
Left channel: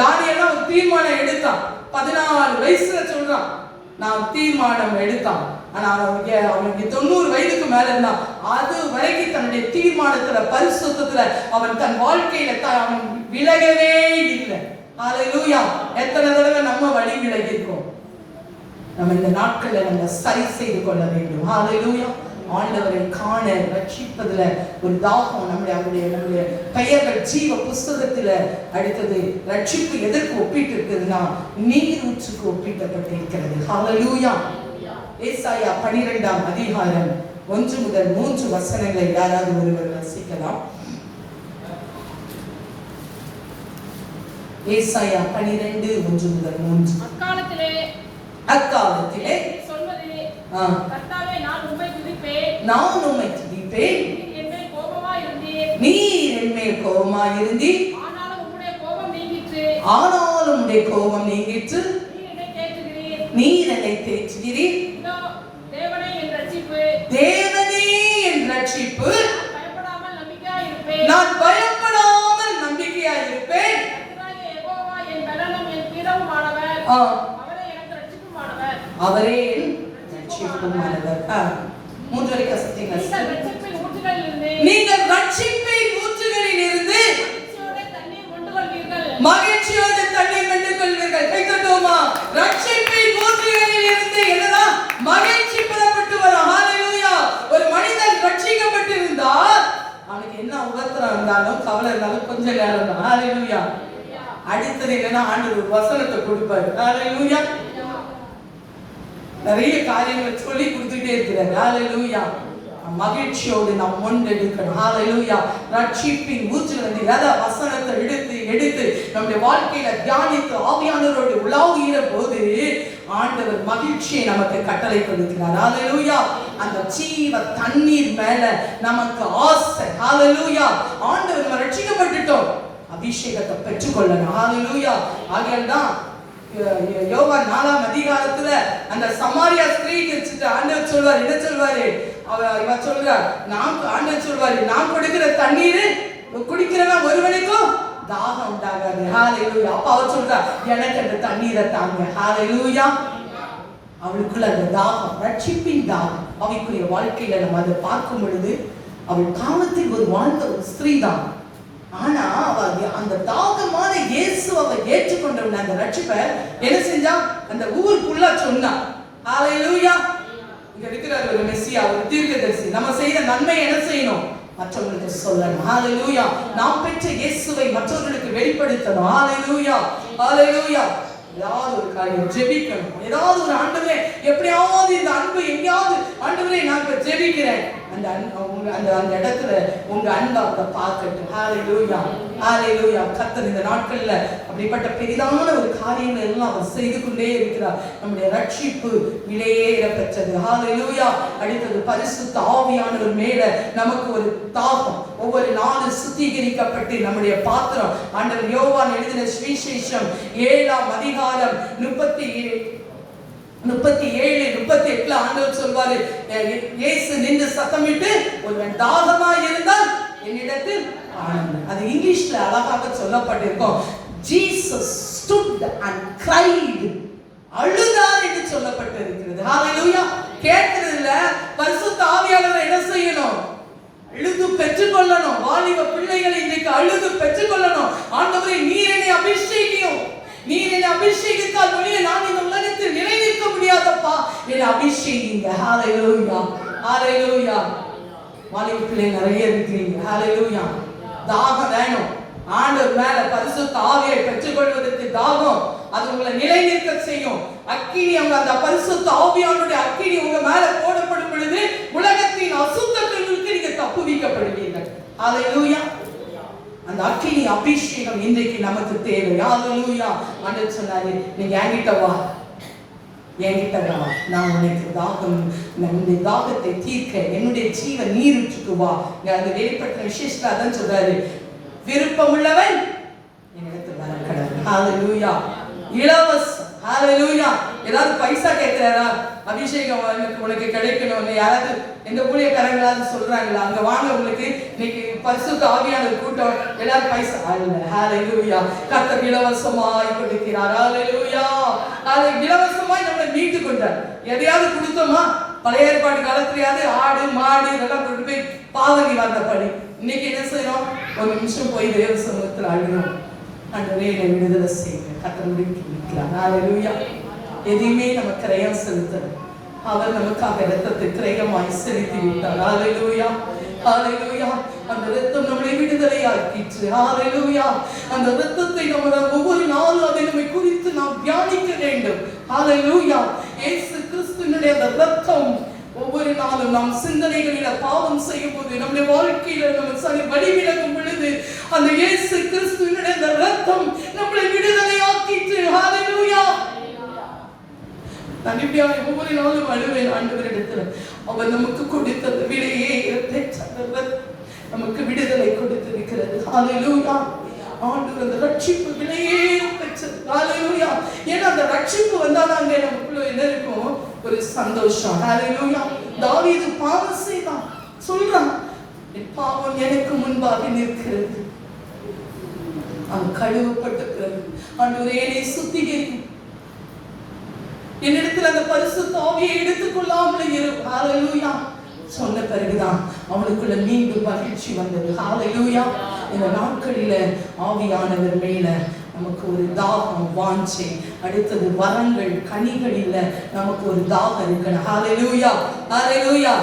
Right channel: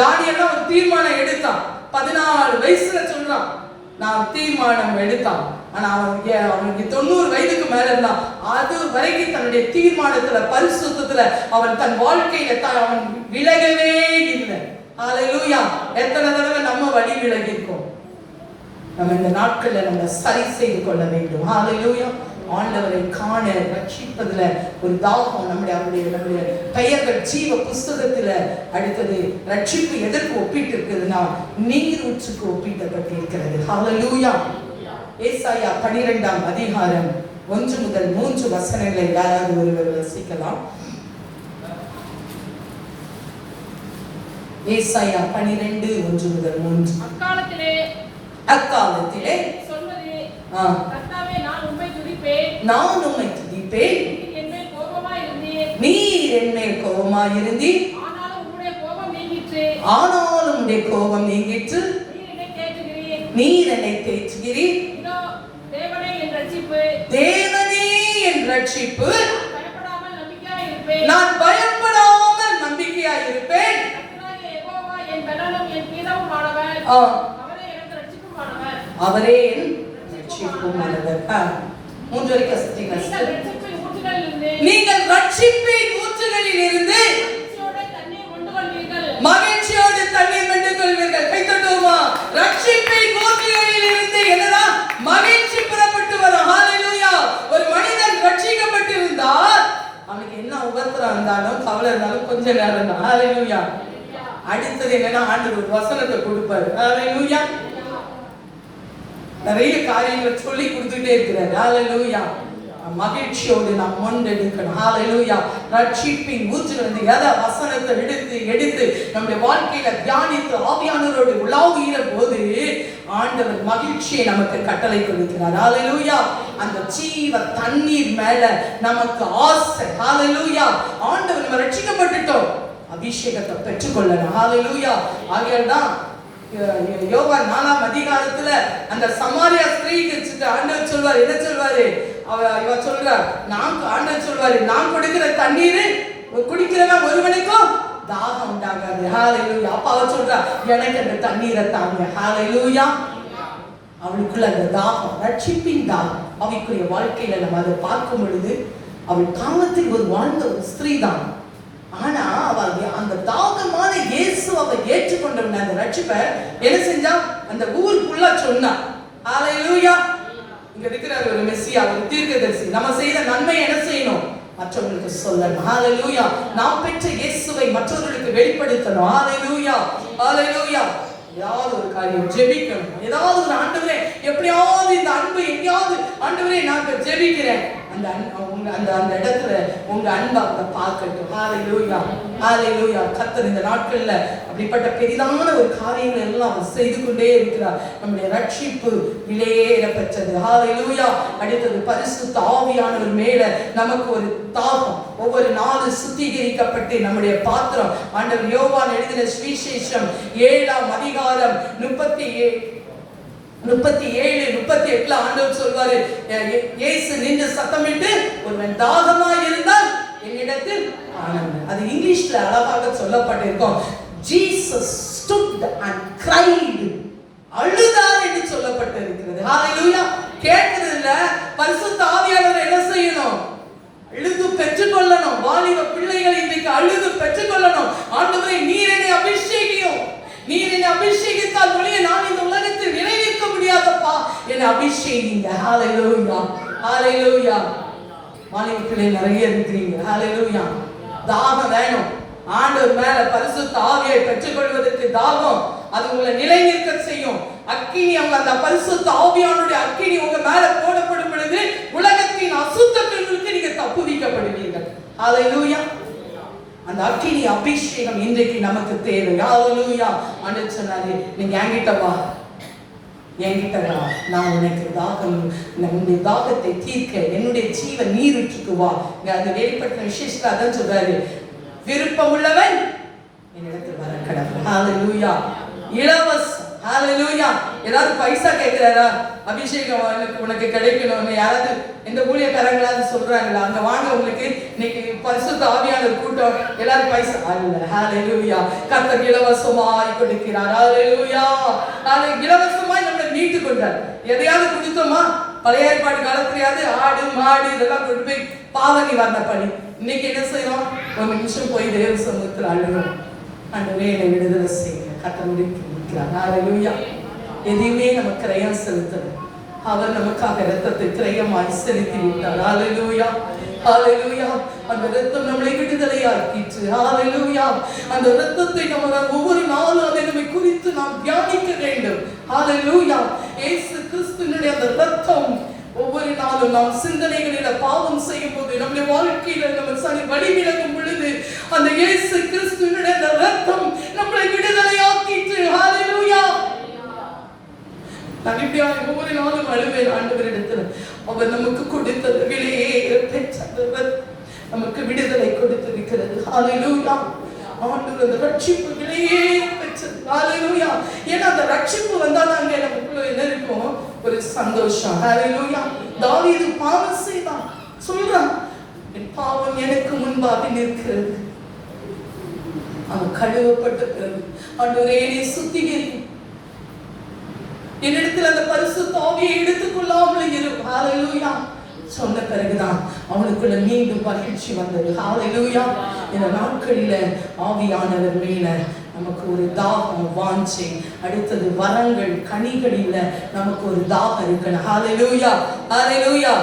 தானியேல் ஒரு தீர்மானம் எடுத்தான். 14 வயசுல சொல்றான் நான் தீர்மானம் எடுத்தான். ஆனா அவனுக்கு 90 வயதுக்கு மேல இருந்தான். அது வரைக்கும் தன்னுடைய தீர்மானத்துல பரிசுத்தத்துல அவன் தன் வாழ்க்கையில அவன் விலகவே இல்லை. ஹalleluya. எத்தனை தடவை நம்ம வழி விலகி இருக்கோம்? நம்ம இந்த நாட்கள்ல நம்ம சரி செய்து கொள்ள வேண்டும். ஹalleluya. ஆண்டவரை காண ரட்சிப்பதுல ஒரு தாகம் நம்முடைய பெயர்கள் ஜீவ புஸ்தகத்துல. அடுத்தது ரட்சிப்பு எதற்கு ஒப்பிட்டு இருக்குதுன்னா நீர் ஊற்றுக்கு ஒப்பிட்டப்பட்டிருக்கிறது. ஹalleluya. ஏசாயா 12ஆம் அதிகாரம் 1 முதல் 3 வசனங்களை யாராவது ஒருவர் வாசிக்கலாம். ஏசாயா 12 1 முதல் 3. அக்காலத்திலே சொல்வது, கர்த்தாவே நான் உம்மை துதிப்பேன், நீர் என்மேல் கோபமாயிருந்தீர், ஆனாலும் உம்முடைய கோபம் நீங்கிற்று, நீர் என்னை தேற்றுகிறீர். தேவனே என் ரட்சிப்பு, நான் பயப்படாமல் நம்பிக்கையாய் இருப்பேன். அவரே என் ரட்சிப்புமானவர். மூன்றரை கசத்தின் நீங்கள் ரட்சிப்பின் ஊற்றுகளில் இருந்து மகிழ்ச்சியோடு தண்ணீர் கொண்டு கொள்வீர்கள். கைத்தட்டுவோமா? ரட்சிப்பின் ஊற்றுகளில் இருந்து என்னதான் மகிழ்ச்சி பெறப்பட்டு வரும். ஹalleluya. ஒரு மனிதன் ரட்சிக்கப்பட்டிருந்தால் அவனுக்கு என்ன உபத்திரம் இருந்தாலும் கவலை இருந்தாலும் கொஞ்ச நேரம் தான். ஹalleluya. அடுத்தது என்னன்னா ஆண்டவர் ஒரு வசனத்தை கொடுப்பாரு. ஹalleluya. நிறைய காரியங்களை சொல்லி கொடுத்துட்டே இருக்கிறார். ஹalleluya. மகிழ்ச்சியோடு நாம் முன்னெடுக்கணும். ஹalleluya. ரட்சிப்பின் ஊற்றிலிருந்து எதை வசனத்தை எடுத்து நம்முடைய வாழ்க்கையில தியானித்து ஆவியானவரோடு உலாவுகிற போது ஆண்டவர் மகிழ்ச்சியை நமக்கு கட்டளை கொடுக்கிறார். ஹalleluya. அந்த ஜீவ தண்ணீர் மேல நமக்கு ஆசை. ஹalleluya. ஆண்டவர் நம்ம ரட்சிக்கப்பட்டுட்டோம், அபிஷேகத்தை பெற்றுக்கொள்ளணும். ஹalleluya. ஆகையால்தான் யோவான் 4ஆம் அதிகாரத்துல அந்த சமாரியா ஸ்திரீ வச்சுட்டு ஆண்டவர் சொல்வார், என்ன சொல்வாரு? இவ சொல்றார், ஆண்டவர் சொல்வாரு, நான் கொடுக்கிற தண்ணீர் குடிக்கிறவன் ஒருவனுக்கும் தாகம் உண்டாகாது. ஹalleluya. அப்ப அவர் சொல்றா, எனக்கு அந்த தண்ணீரை தாங்க. ஹalleluya. அவளுக்குள்ள அந்த தாகம், ரட்சிப்பின் தாகம். அவளுக்குரிய வாழ்க்கையில நம்ம அதை பார்க்கும் பொழுது அவள் தாகத்தில் ஒரு வாழ்ந்த ஒரு ஸ்திரீ தான். ஆனா அவ அந்த தாகமான இயேசு அவ ஏற்றுக்கொண்டவன் அந்த ரட்சிப்பை என்ன செஞ்சா அந்த ஊர் ஃபுல்லா சொன்னா. ஹalleluya. இங்க இருக்கிறார் ஒரு மெசியா, ஒரு தீர்க்கதரிசி. நம்ம செய்த நன்மை என்ன செய்யணும்? மற்றவர்களுக்கு சொல்லணும். ஹalleluya. நாம் பெற்ற இயேசுவை மற்றவர்களுக்கு வெளிப்படுத்தணும். ஹalleluya. ஹalleluya. ஏதாவது ஒரு காரியம் ஜெபிக்கணும். ஏதாவது ஒரு ஆண்டவரே எப்படியாவது இந்த அன்பு எங்கேயாவது ஆண்டவரே நான் ஜெபிக்கிறேன், அந்த அந்த இடத்துல உங்க அன்பை அவங்க பார்க்கட்டும். ஹalleluya. ஹalleluya. கர்த்தர் இந்த நாட்கள்ல அப்படிப்பட்ட பெரிதான ஒரு காரியங்கள் எல்லாம் அவர் செய்து கொண்டே இருக்கிறார். நம்முடைய ரட்சிப்பு விலையேற பெற்றது. ஹalleluya. அடுத்தது பரிசுத்த ஆவியானவர் மேல நமக்கு ஒரு தாகம். ஒவ்வொரு நாளும் சுத்திகரிக்கப்பட்டு நம்முடைய பாத்திரம் ஆண்டவர் யோவான் எழுதின சுவிசேஷம் 7ஆம் அதிகாரம் 37-38 ஆண்டவர் சொல்வாரு, இயேசு நின்று சத்தமிட்டு ஒருவன் தாகமாய் இருந்தால் என்னிடத்தில் ஆனந்த. அது இங்கிலீஷ்ல அழகாக சொல்லப்பட்டிருக்கும். Jesus stood and cried. அழுதார் என்று சொல்லப்பட்டிருக்கிறது. ஹalleluya. கேட்கிறது இல்ல, பரிசுத்த ஆவியானவர் என்ன செய்யணும்? அழுது பெற்றுக்கொள்ளணும். வாலிப பிள்ளைகளை இன்றைக்கு அழுது பெற்றுக்கொள்ளணும். ஆண்டவரே நீர் என்னை அபிஷேகியும், நீர் என்னை அபிஷேகித்தால் ஒழிய நான் இந்த உலகத்தில் நிலைநிற்க முடியாதப்பா, என்னை அபிஷேகிங்க. ஹalleluya. ஹalleluya. மாலைக்குள்ளே நிறைய இருக்கிறீங்க. ஹalleluya. தாகம் வேணும். ஆண்டவர் மேல பரிசுத்த ஆவியை பெற்றுக்கொள்வதற்கு தாகம். அது உங்களை நிலைநிற்க செய்யும். அக்கினி, அந்த பரிசுத்த ஆவியானுடைய அக்கினி உங்க மேல போடப்படும் பொழுது உலகத்தின் அசுத்தத்திலிருந்து நீங்க தப்புவிக்கப்படுவீர்கள். ஹalleluya. அந்த அக்கினி அபிஷேகம் இன்றைக்கு நமக்கு தேவை. ஹalleluya. ஆண்டவர் சொன்னாரு, நீங்க என்கிட்ட வா, நான் உனக்கு தாகம், உன்னுடைய தாகத்தை தீர்க்க என்னுடைய ஜீவ நீரூற்றுக்கு வா. அந்த வெளிப்பட்ட விசேஷத்துல அதான் சொல்றாரு, விருப்பம் உள்ளவன் என்னிடத்தில் வர கடவுள். ஹalleluya. இலவசம். ஹalleluya. ஏதாவது பைசா கேட்கிறாரா? அபிஷேகம் உனக்கு கிடைக்கணும், யாராவது எந்த ஊழியக்காரங்களாவது சொல்றாங்களா? அங்க வாங்க, உங்களுக்கு இன்னைக்கு பரிசுத்த ஆவியான கூட்டம், எல்லாரும் பைசா அல்ல. ஹalleluya. கர்த்தர் இலவசமாய் கொடுக்கிறார். ஹalleluya. இலவசமாய் நம்மளை மீட்டு கொண்டார். எதையாவது கொடுத்தோமா? பழைய ஏற்பாடு காலத்திலேயாவது ஆடு மாடு இதெல்லாம் கொண்டு போய் பாவனி வந்த படி. இன்னைக்கு என்ன செய்யறோம்? ஒரு நிமிஷம் போய் தேவ சமூகத்தில் அழுகிறோம், ஆண்டவரே என்னை விடுதலை செய்யுங்க. கர்த்தர் இருக்கிறார். ஹalleluya. எதையுமே நம்ம கிரயம் செலுத்தது, அவர் நமக்காக இரத்தத்தை கிரயமாய் செலுத்தி விட்டார். ஹalleluya. ஹalleluya. அந்த இரத்தம் நம்மை விடுதலையாக்கிற்று. ஹalleluya. அந்த இரத்தத்தை நம்ம ஒவ்வொரு நாளும் அதை நம்மை குறித்து நாம் தியானிக்க வேண்டும். ஹalleluya. இயேசு கிறிஸ்துவினுடைய அந்த இரத்தம் ஒவ்வொரு நாளும் நாம் சிந்தனைகளில பாவம் செய்யும் போது, நம்முடைய வாழ்க்கையில நம்ம சரி வழி விலகும் பொழுது அந்த இயேசு கிறிஸ்துவினுடைய அந்த இரத்தம் நம்மை விடுதலையாக்கிற்று. ஹalleluya. நான் இப்படியா ஒவ்வொரு நாளும் அழுவேன் ஆண்டவரிடத்தில். அவர் நமக்கு கொடுத்தது விலையே நமக்கு விடுதலை கொடுத்திருக்கிறது. ஹalleluya. ஆண்டவர் ரட்சிப்பு விலையே பெற்றது. ஹalleluya. ஏன்னா அந்த ரட்சிப்பு வந்தாதாங்க நமக்குள்ள என்ன இருக்கும்? ஒரு சந்தோஷம். ஹalleluya. தாவீது பாவம் செய்தான், சொல்றான், என் பாவம் எனக்கு முன்பாக நிற்கிறது. அவன் கழுவப்பட்டு ஆண்டவரே என்னை சுத்திகரிக்கும், என்னிடத்தில் அந்த பரிசுத்த ஆவியை எடுத்துக்கொள்ளாமல் இரு. ஹalleluya. சொன்ன பிறகுதான் அவனுக்குள்ள மீண்டும் மகிழ்ச்சி வந்தது. ஹalleluya. இந்த நாட்களில ஆவியானவர் மேல நமக்கு ஒரு தாகம், வாஞ்சை, அடுத்தது வரங்கள், கனிகளில நமக்கு ஒரு தாகம் இருக்கணும். ஹalleluya. ஹalleluya.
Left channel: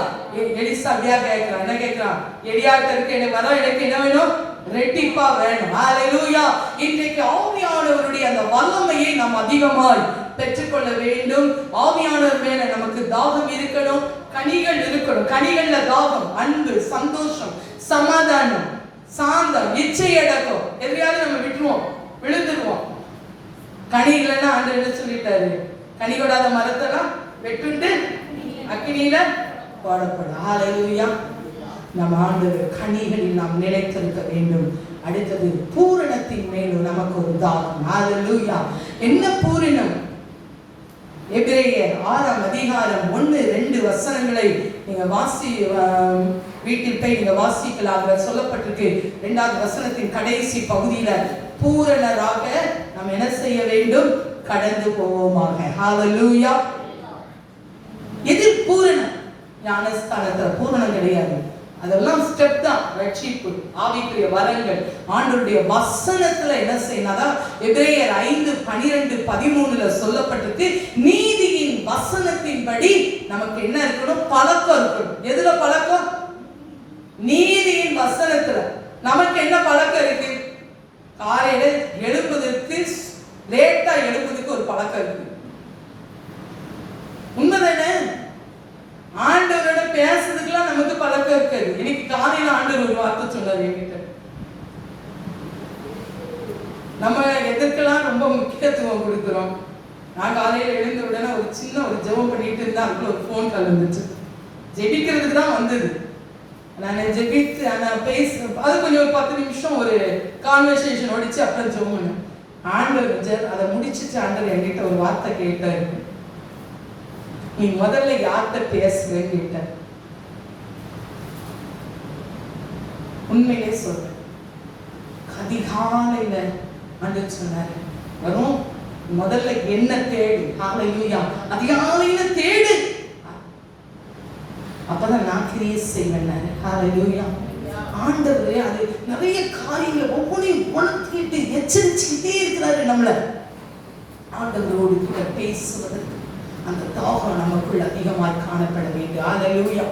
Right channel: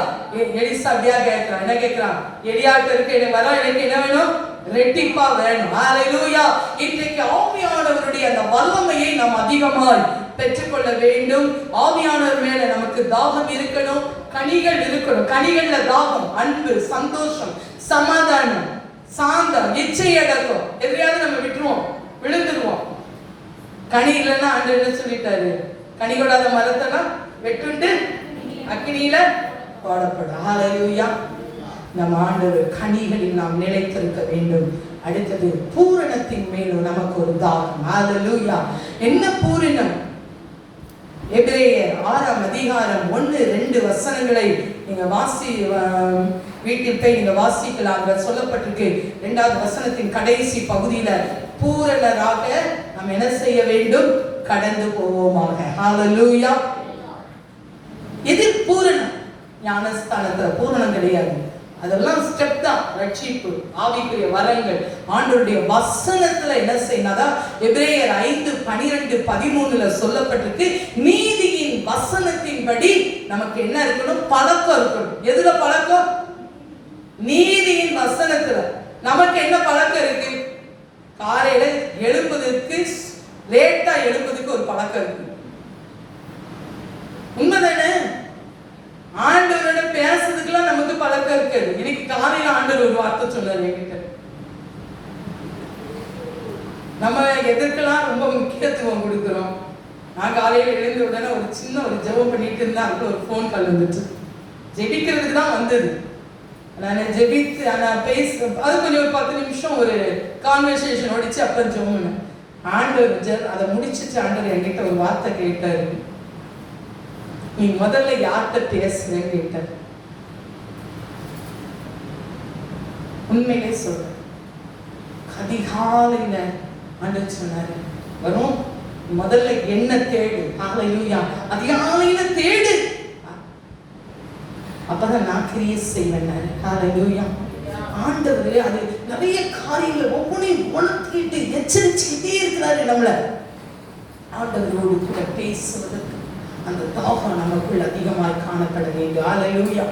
எலிசா கேட்கிறான், என்ன கேட்கிறான்? எலியாட்டருக்கு என்ன வர, எனக்கு என்ன வேணும்? ரெட்டிப்பா வேணும். ஹalleluya. இன்றைக்கு ஆவியானவருடைய அந்த வல்லமையை நாம் அதிகமாய் பெற்றுக்கொள்ள வேண்டும். ஆவியானவர் மேல நமக்கு தாகம் இருக்கணும், கனிகள் இருக்கணும். கனிகள்ல தாகம், அன்பு, சந்தோஷம், சமாதானம், சாந்தம், இச்சையடக்கம். எதையாவது நம்ம விட்டுருவோம், விழுந்துருவோம். கனி இல்லைன்னா ஆண்டவர் என்ன சொல்லிட்டாரு? கனி கொடாத மரத்தெல்லாம் வெட்டுண்டு அக்கினியில போடப்படும். ஹalleluya. நம்ம ஆண்டவர் கனிகளில் நாம் நிலைத்திருக்க வேண்டும். அடுத்தது பூரணத்தின் மேலும் நமக்கு ஒரு தாகம். ஹalleluya. என்ன பூரணம்? எபிரேயர் 6ஆம் அதிகாரம் 1-2 வசனங்களை நீங்க வீட்டில் போய் நீங்க வாசிக்கலாம். அதில் சொல்லப்பட்டிருக்கு, 2வது வசனத்தின் கடைசி பகுதியில பூரணராக நாம் என்ன செய்ய வேண்டும்? கடந்து போவோமாக. ஹalleluya. இது பூரணம். ஞானஸ்தானத்துல பூரணம் கிடையாது, அதெல்லாம் ஸ்டெப் தான். ரட்சிப்பு, ஆவிக்குரிய வரங்கள், ஆண்டவருடைய வசனத்துல என்ன செய்யணும்? எபிரேயர் 5:12-13 சொல்லப்பட்டிருக்கு, நீதியின் வசனத்தின்படி நமக்கு என்ன இருக்கணும்? பழக்கம் இருக்கணும். எதுல பழக்கம்? நீதியின் வசனத்துல. நமக்கு என்ன பழக்கம் இருக்கு? காலையில எழுப்பதற்கு, லேட்டா எழுப்பதற்கு ஒரு பழக்கம் இருக்கு. உண்மைதானே? ஆண்டவரோட பேசுறதுக்குலாம் நமக்கு பழக்கம் இருக்காது. இன்னைக்கு காலையில ஆண்டவர் ஒரு வார்த்தை சொன்னார் என்கிட்ட. நம்ம எதற்கெல்லாம் ரொம்ப முக்கியத்துவம் கொடுக்கிறோம். நான் காலையில எழுந்த உடனே ஒரு சின்ன ஒரு ஜெபம் பண்ணிட்டு இருந்தா அதுக்கு ஒரு ஃபோன் கால் வந்துச்சு. ஜெபிக்கிறதுக்கு தான் வந்தது. நான் ஜெபித்து நான் அது கொஞ்சம் ஒரு 10 நிமிஷம் ஒரு கான்வர்சேஷன் ஓடிச்சு. அப்புறம் ஜெபம் பண்ணேன். ஆண்டவர் அதை முடிச்சுட்டு ஆண்டவர் என்கிட்ட ஒரு வார்த்தை கேட்டாரு, நீ முதல்ல யார்கிட்ட பேசுறேன்னு கேட்டார். உண்மையிலே சொல்ற, அதிகாலையில ஆண்டவர் சொன்னாரு, வரும் முதல்ல என்ன தேடு. ஹalleluya. அதிகாலையில தேடு, அப்பதான் நான் கிரியேட் செய்வேன். ஹalleluya. ஆண்டவரே அது நிறைய காரியங்கள் ஒவ்வொன்றையும் உணர்த்திட்டு எச்சரிச்சுக்கிட்டே இருக்கிறாரு நம்மள. ஆண்டவரோடு கூட பேசுவதற்கு அந்த தாகம் நமக்குள் அதிகமாக காணப்பட வேண்டும். ஹalleluya.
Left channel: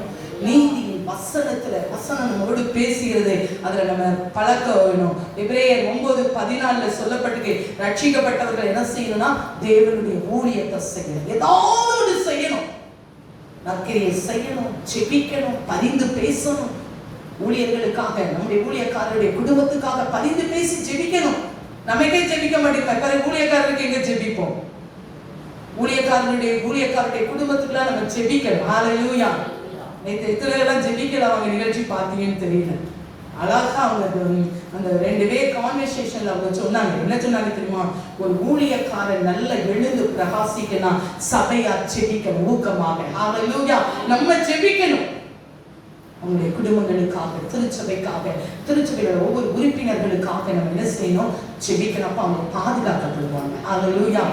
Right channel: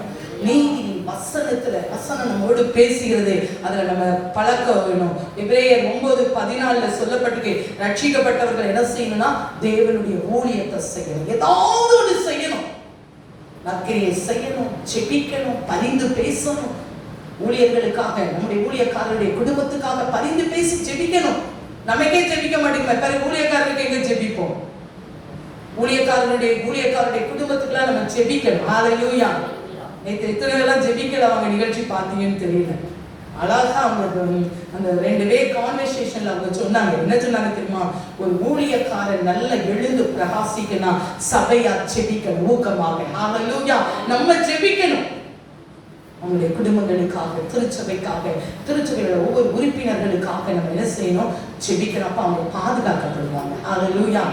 நீதியின் வசனம் நம்மோடு பேசுகிறது. அதுல நம்ம பழக்க வேணும். எபிரேயர் 9:14 சொல்லப்பட்டிருக்கு, ரட்சிக்கப்பட்டவர்கள் என்ன செய்யணும்னா தேவனுடைய ஊழியத்தை செய்யணும். ஏதாவது ஒன்று செய்யணும், நற்கிரியை செய்யணும், ஜெபிக்கணும், பரிந்து பேசணும். ஊழியர்களுக்காக, நம்முடைய ஊழியக்காரருடைய குடும்பத்துக்காக பரிந்து பேசி ஜெபிக்கணும். நமக்கே ஜெபிக்க மாட்டேங்க, ஊழியக்காரருக்கு எங்க ஜெபிப்போம்? ஊழியக்காரருடைய குடும்பத்துக்குலாம் நம்ம ஜெபிக்கணும். ஹல்லேலூயா. நேற்று எத்தனை எல்லாம் ஜெபிக்கல அவங்க நிகழ்ச்சி பார்த்தீங்கன்னு தெரியல. அழகா அவங்க அந்த 2 பேர் கான்வர்சேஷன்ல அவங்க சொன்னாங்க. என்ன சொன்னாங்க தெரியுமா? ஒரு ஊழியக்காரன் நல்ல எழுந்து பிரகாசிக்கணும், சபையா ஜெபிக்கணும் ஊக்கமாக. ஹல்லேலூயா. நம்ம ஜெபிக்கணும் அவங்களுடைய குடும்பங்களுக்காக, திருச்சபையோட ஒவ்வொரு உறுப்பினர்களுக்காக நம்ம என்ன செய்யணும்? ஜெபிக்கணும். அப்ப அவங்க பாதுகாக்கப்படுவாங்க. ஹல்லேலூயா.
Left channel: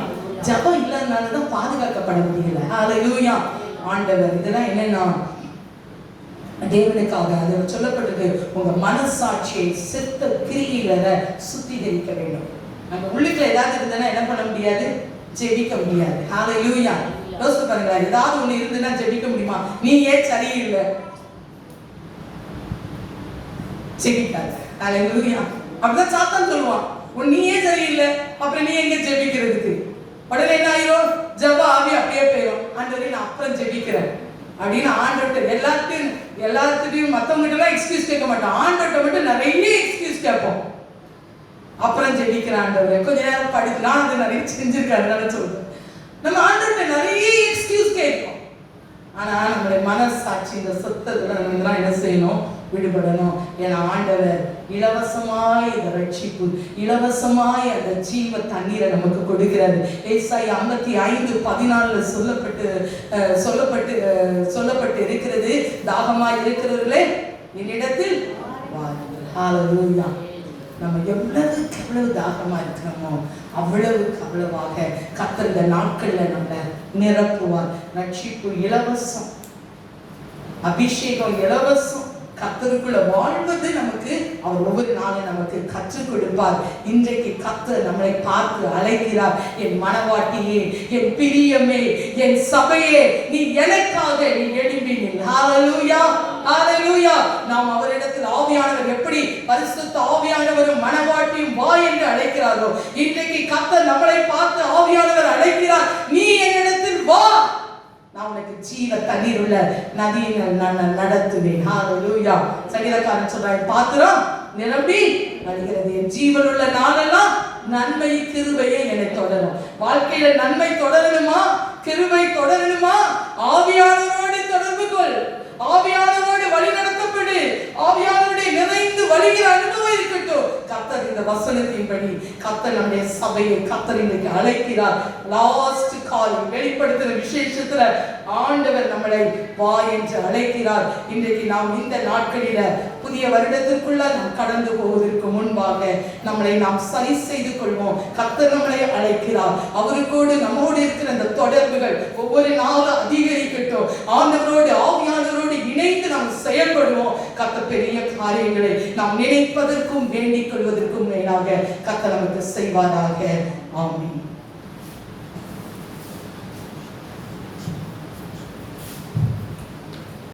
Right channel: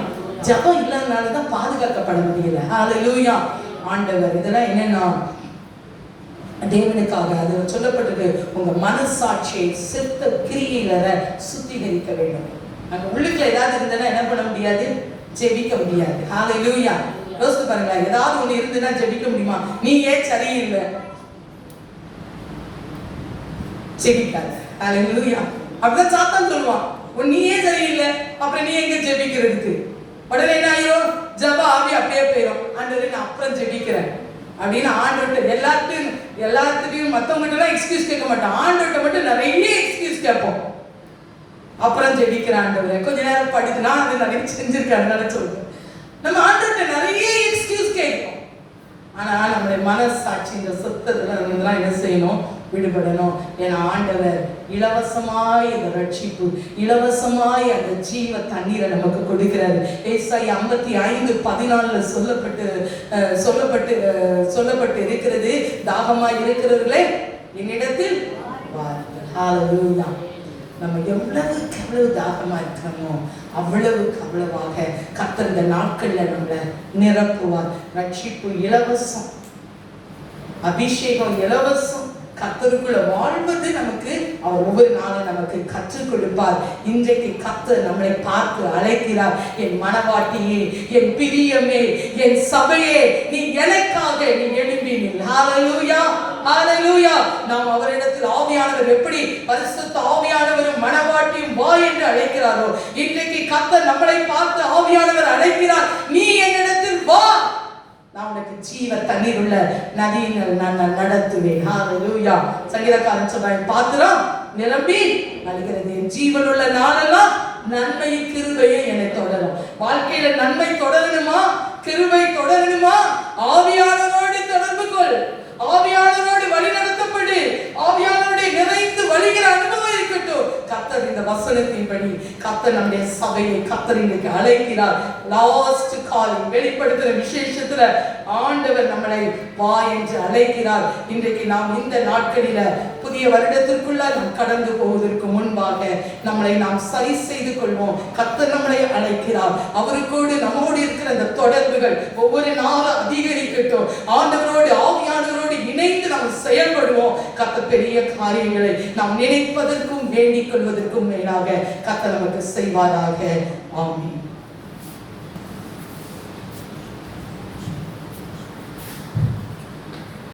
ஜெபம் இல்லாதனாலதான் பாதுகாக்கப்பட முடியல. ஹல்லேலூயா. ஆண்டவர் இதெல்லாம் என்னன்னா தேவனுக்காக அது சொல்லப்பட்டிருக்கு, உங்க மனசாட்சியை சித்த கிரியில சுத்திகரிக்க வேண்டும். நம்ம உள்ளுக்குள்ள ஏதாவது இருந்ததுன்னா என்ன பண்ண முடியாது? ஜெபிக்க முடியாது. ஹல்லேலூயா. யோசிச்சு பாருங்க, ஏதாவது ஒண்ணு இருந்துன்னா ஜெபிக்க முடியுமா? நீ ஏன் சரியில்லை ஜெபிக்காத. ஹல்லேலூயா. அப்படிதான் சாத்தான் சொல்லுவான், நீ ஏன் சரியில்லை, அப்புறம் நீ எங்க ஜெபிக்கிறதுக்கு? உடனே என்ன ஆயிரும்? ஜெப ஆவி அப்படியே போயிடும். ஆண்டவரே நான் அப்புறம் ஜெபிக்கிறேன் அப்படின்னு ஆண்டவர்கிட்ட எல்லாத்துக்கும் மற்றவங்கிட்ட எல்லாம் எக்ஸ்கியூஸ் கேட்க மாட்டோம். ஆண்டவர்கிட்ட மட்டும் நிறைய எக்ஸ்கியூஸ் கேட்போம். அப்புறம் ஜெபிக்கிற ஆண்டவரே கொஞ்ச நேரம் படித்து நான் அதை நிறைய செஞ்சிருக்கேன் சொல்லுவேன். நம்ம ஆண்டவர்கிட்ட நிறைய எக்ஸ்கியூஸ் கேட்போம். ஆனா நம்மளுடைய மனசாட்சி இந்த சொத்தத்துல என்ன செய்யணும்? விடுபடணும். ஏன்னா ஆண்டவர் இலவசமாய் இந்த ரட்சிப்பு, இலவசமாய் அந்த ஜீவ தண்ணீரை நமக்கு கொடுக்கிறாரு. ஏசாயா 55:14 சொல்லப்பட்டு இருக்கிறது, தாகமாய் இருக்கிறவர்களே என்னிடத்தில் வாருங்கள். ஹல்லேலூயா. நம்ம எவ்வளவு தாகமா இருக்கிறோமோ அவ்வளவாக கர்த்தர் இந்த நாட்கள்ல நம்மளை நிரப்புவார். ரட்சிப்பு இலவசம், அபிஷேகம் இலவசம். கர்த்தருக்குள்ள வாழ்வது நமக்கு அவர் ஒவ்வொரு நாளும் நமக்கு கற்றுக் கொடுப்பார். இன்றைக்கு கர்த்தர் நம்மை பார்த்து அழைக்கிறார். என் மனவாட்டியே, என் பிரியமே, என் சபையே, நீ எனக்காக நீ எழும்பி நில். ஹல்லேலூயா. ஹல்லேலூயா. நாம் அவரிடத்தில் ஆவியானவர் எப்படி பரிசுத்த ஆவியானவரும் மனவாட்டியும் வா என்று அழைக்கிறாரோ, இன்றைக்கு கர்த்தர் நம்மளை பார்த்து ஆவியானவர் அழைக்கிறார். நீ என்னிடத்தில் வா, நான் உனக்கு ஜீவ தண்ணீர் உள்ள நதியினால் நான் நடத்துவேன். ஹல்லேலூயா. சங்கீதக்காரன் சொல்றான், பாத்திரம் நிரம்பி வழிகிறது, என் ஜீவன் உள்ள நாளெல்லாம் நன்மை கிருபையை என்னை தொடரும். வாழ்க்கையில நன்மை தொடரணுமா, கிருபை தொடரணுமா? ஆவியானவரோடு தொடர்பு கொள், ஆவியானவரோடு வழி நடத்தப்படு, ஆவியானவருடைய நிறைந்து வழிகிற அனுபவம் இருக்கட்டும். கர்த்தர் இந்த வசனத்தின்படி கர்த்தர் நம்முடைய சபையை கர்த்தர் இன்றைக்கு அழைக்கிறார். லாஸ்ட் கால் வெளிப்படுத்துற விசேஷத்துல ஆண்டவர் நம்மளை வா என்று அழைக்கிறார். இன்றைக்கு நாம் இந்த நாட்களில புதிய வருடத்திற்குள்ள நாம் கடந்து போவதற்கு முன்பாக நம்மளை நாம் சரி செய்து கொள்வோம். கர்த்தர் நம்மளை அழைக்கிறார். அவருக்கோடு நம்மோடு இருக்கிற அந்த தொடர்புகள் ஒவ்வொரு நாளும் அதிகரிக்கட்டும். ஆண்டவரோடு ஆவியானவரோடு இணைந்து நாம் செயல்படுவோம். கர்த்தர் பெரிய காரியங்களை நாம் நினைப்பதற்கும் வேண்டிக் கொள்வதற்கும் மேலாக கர்த்தர் நமக்கு செய்வாராக. ஆமென்.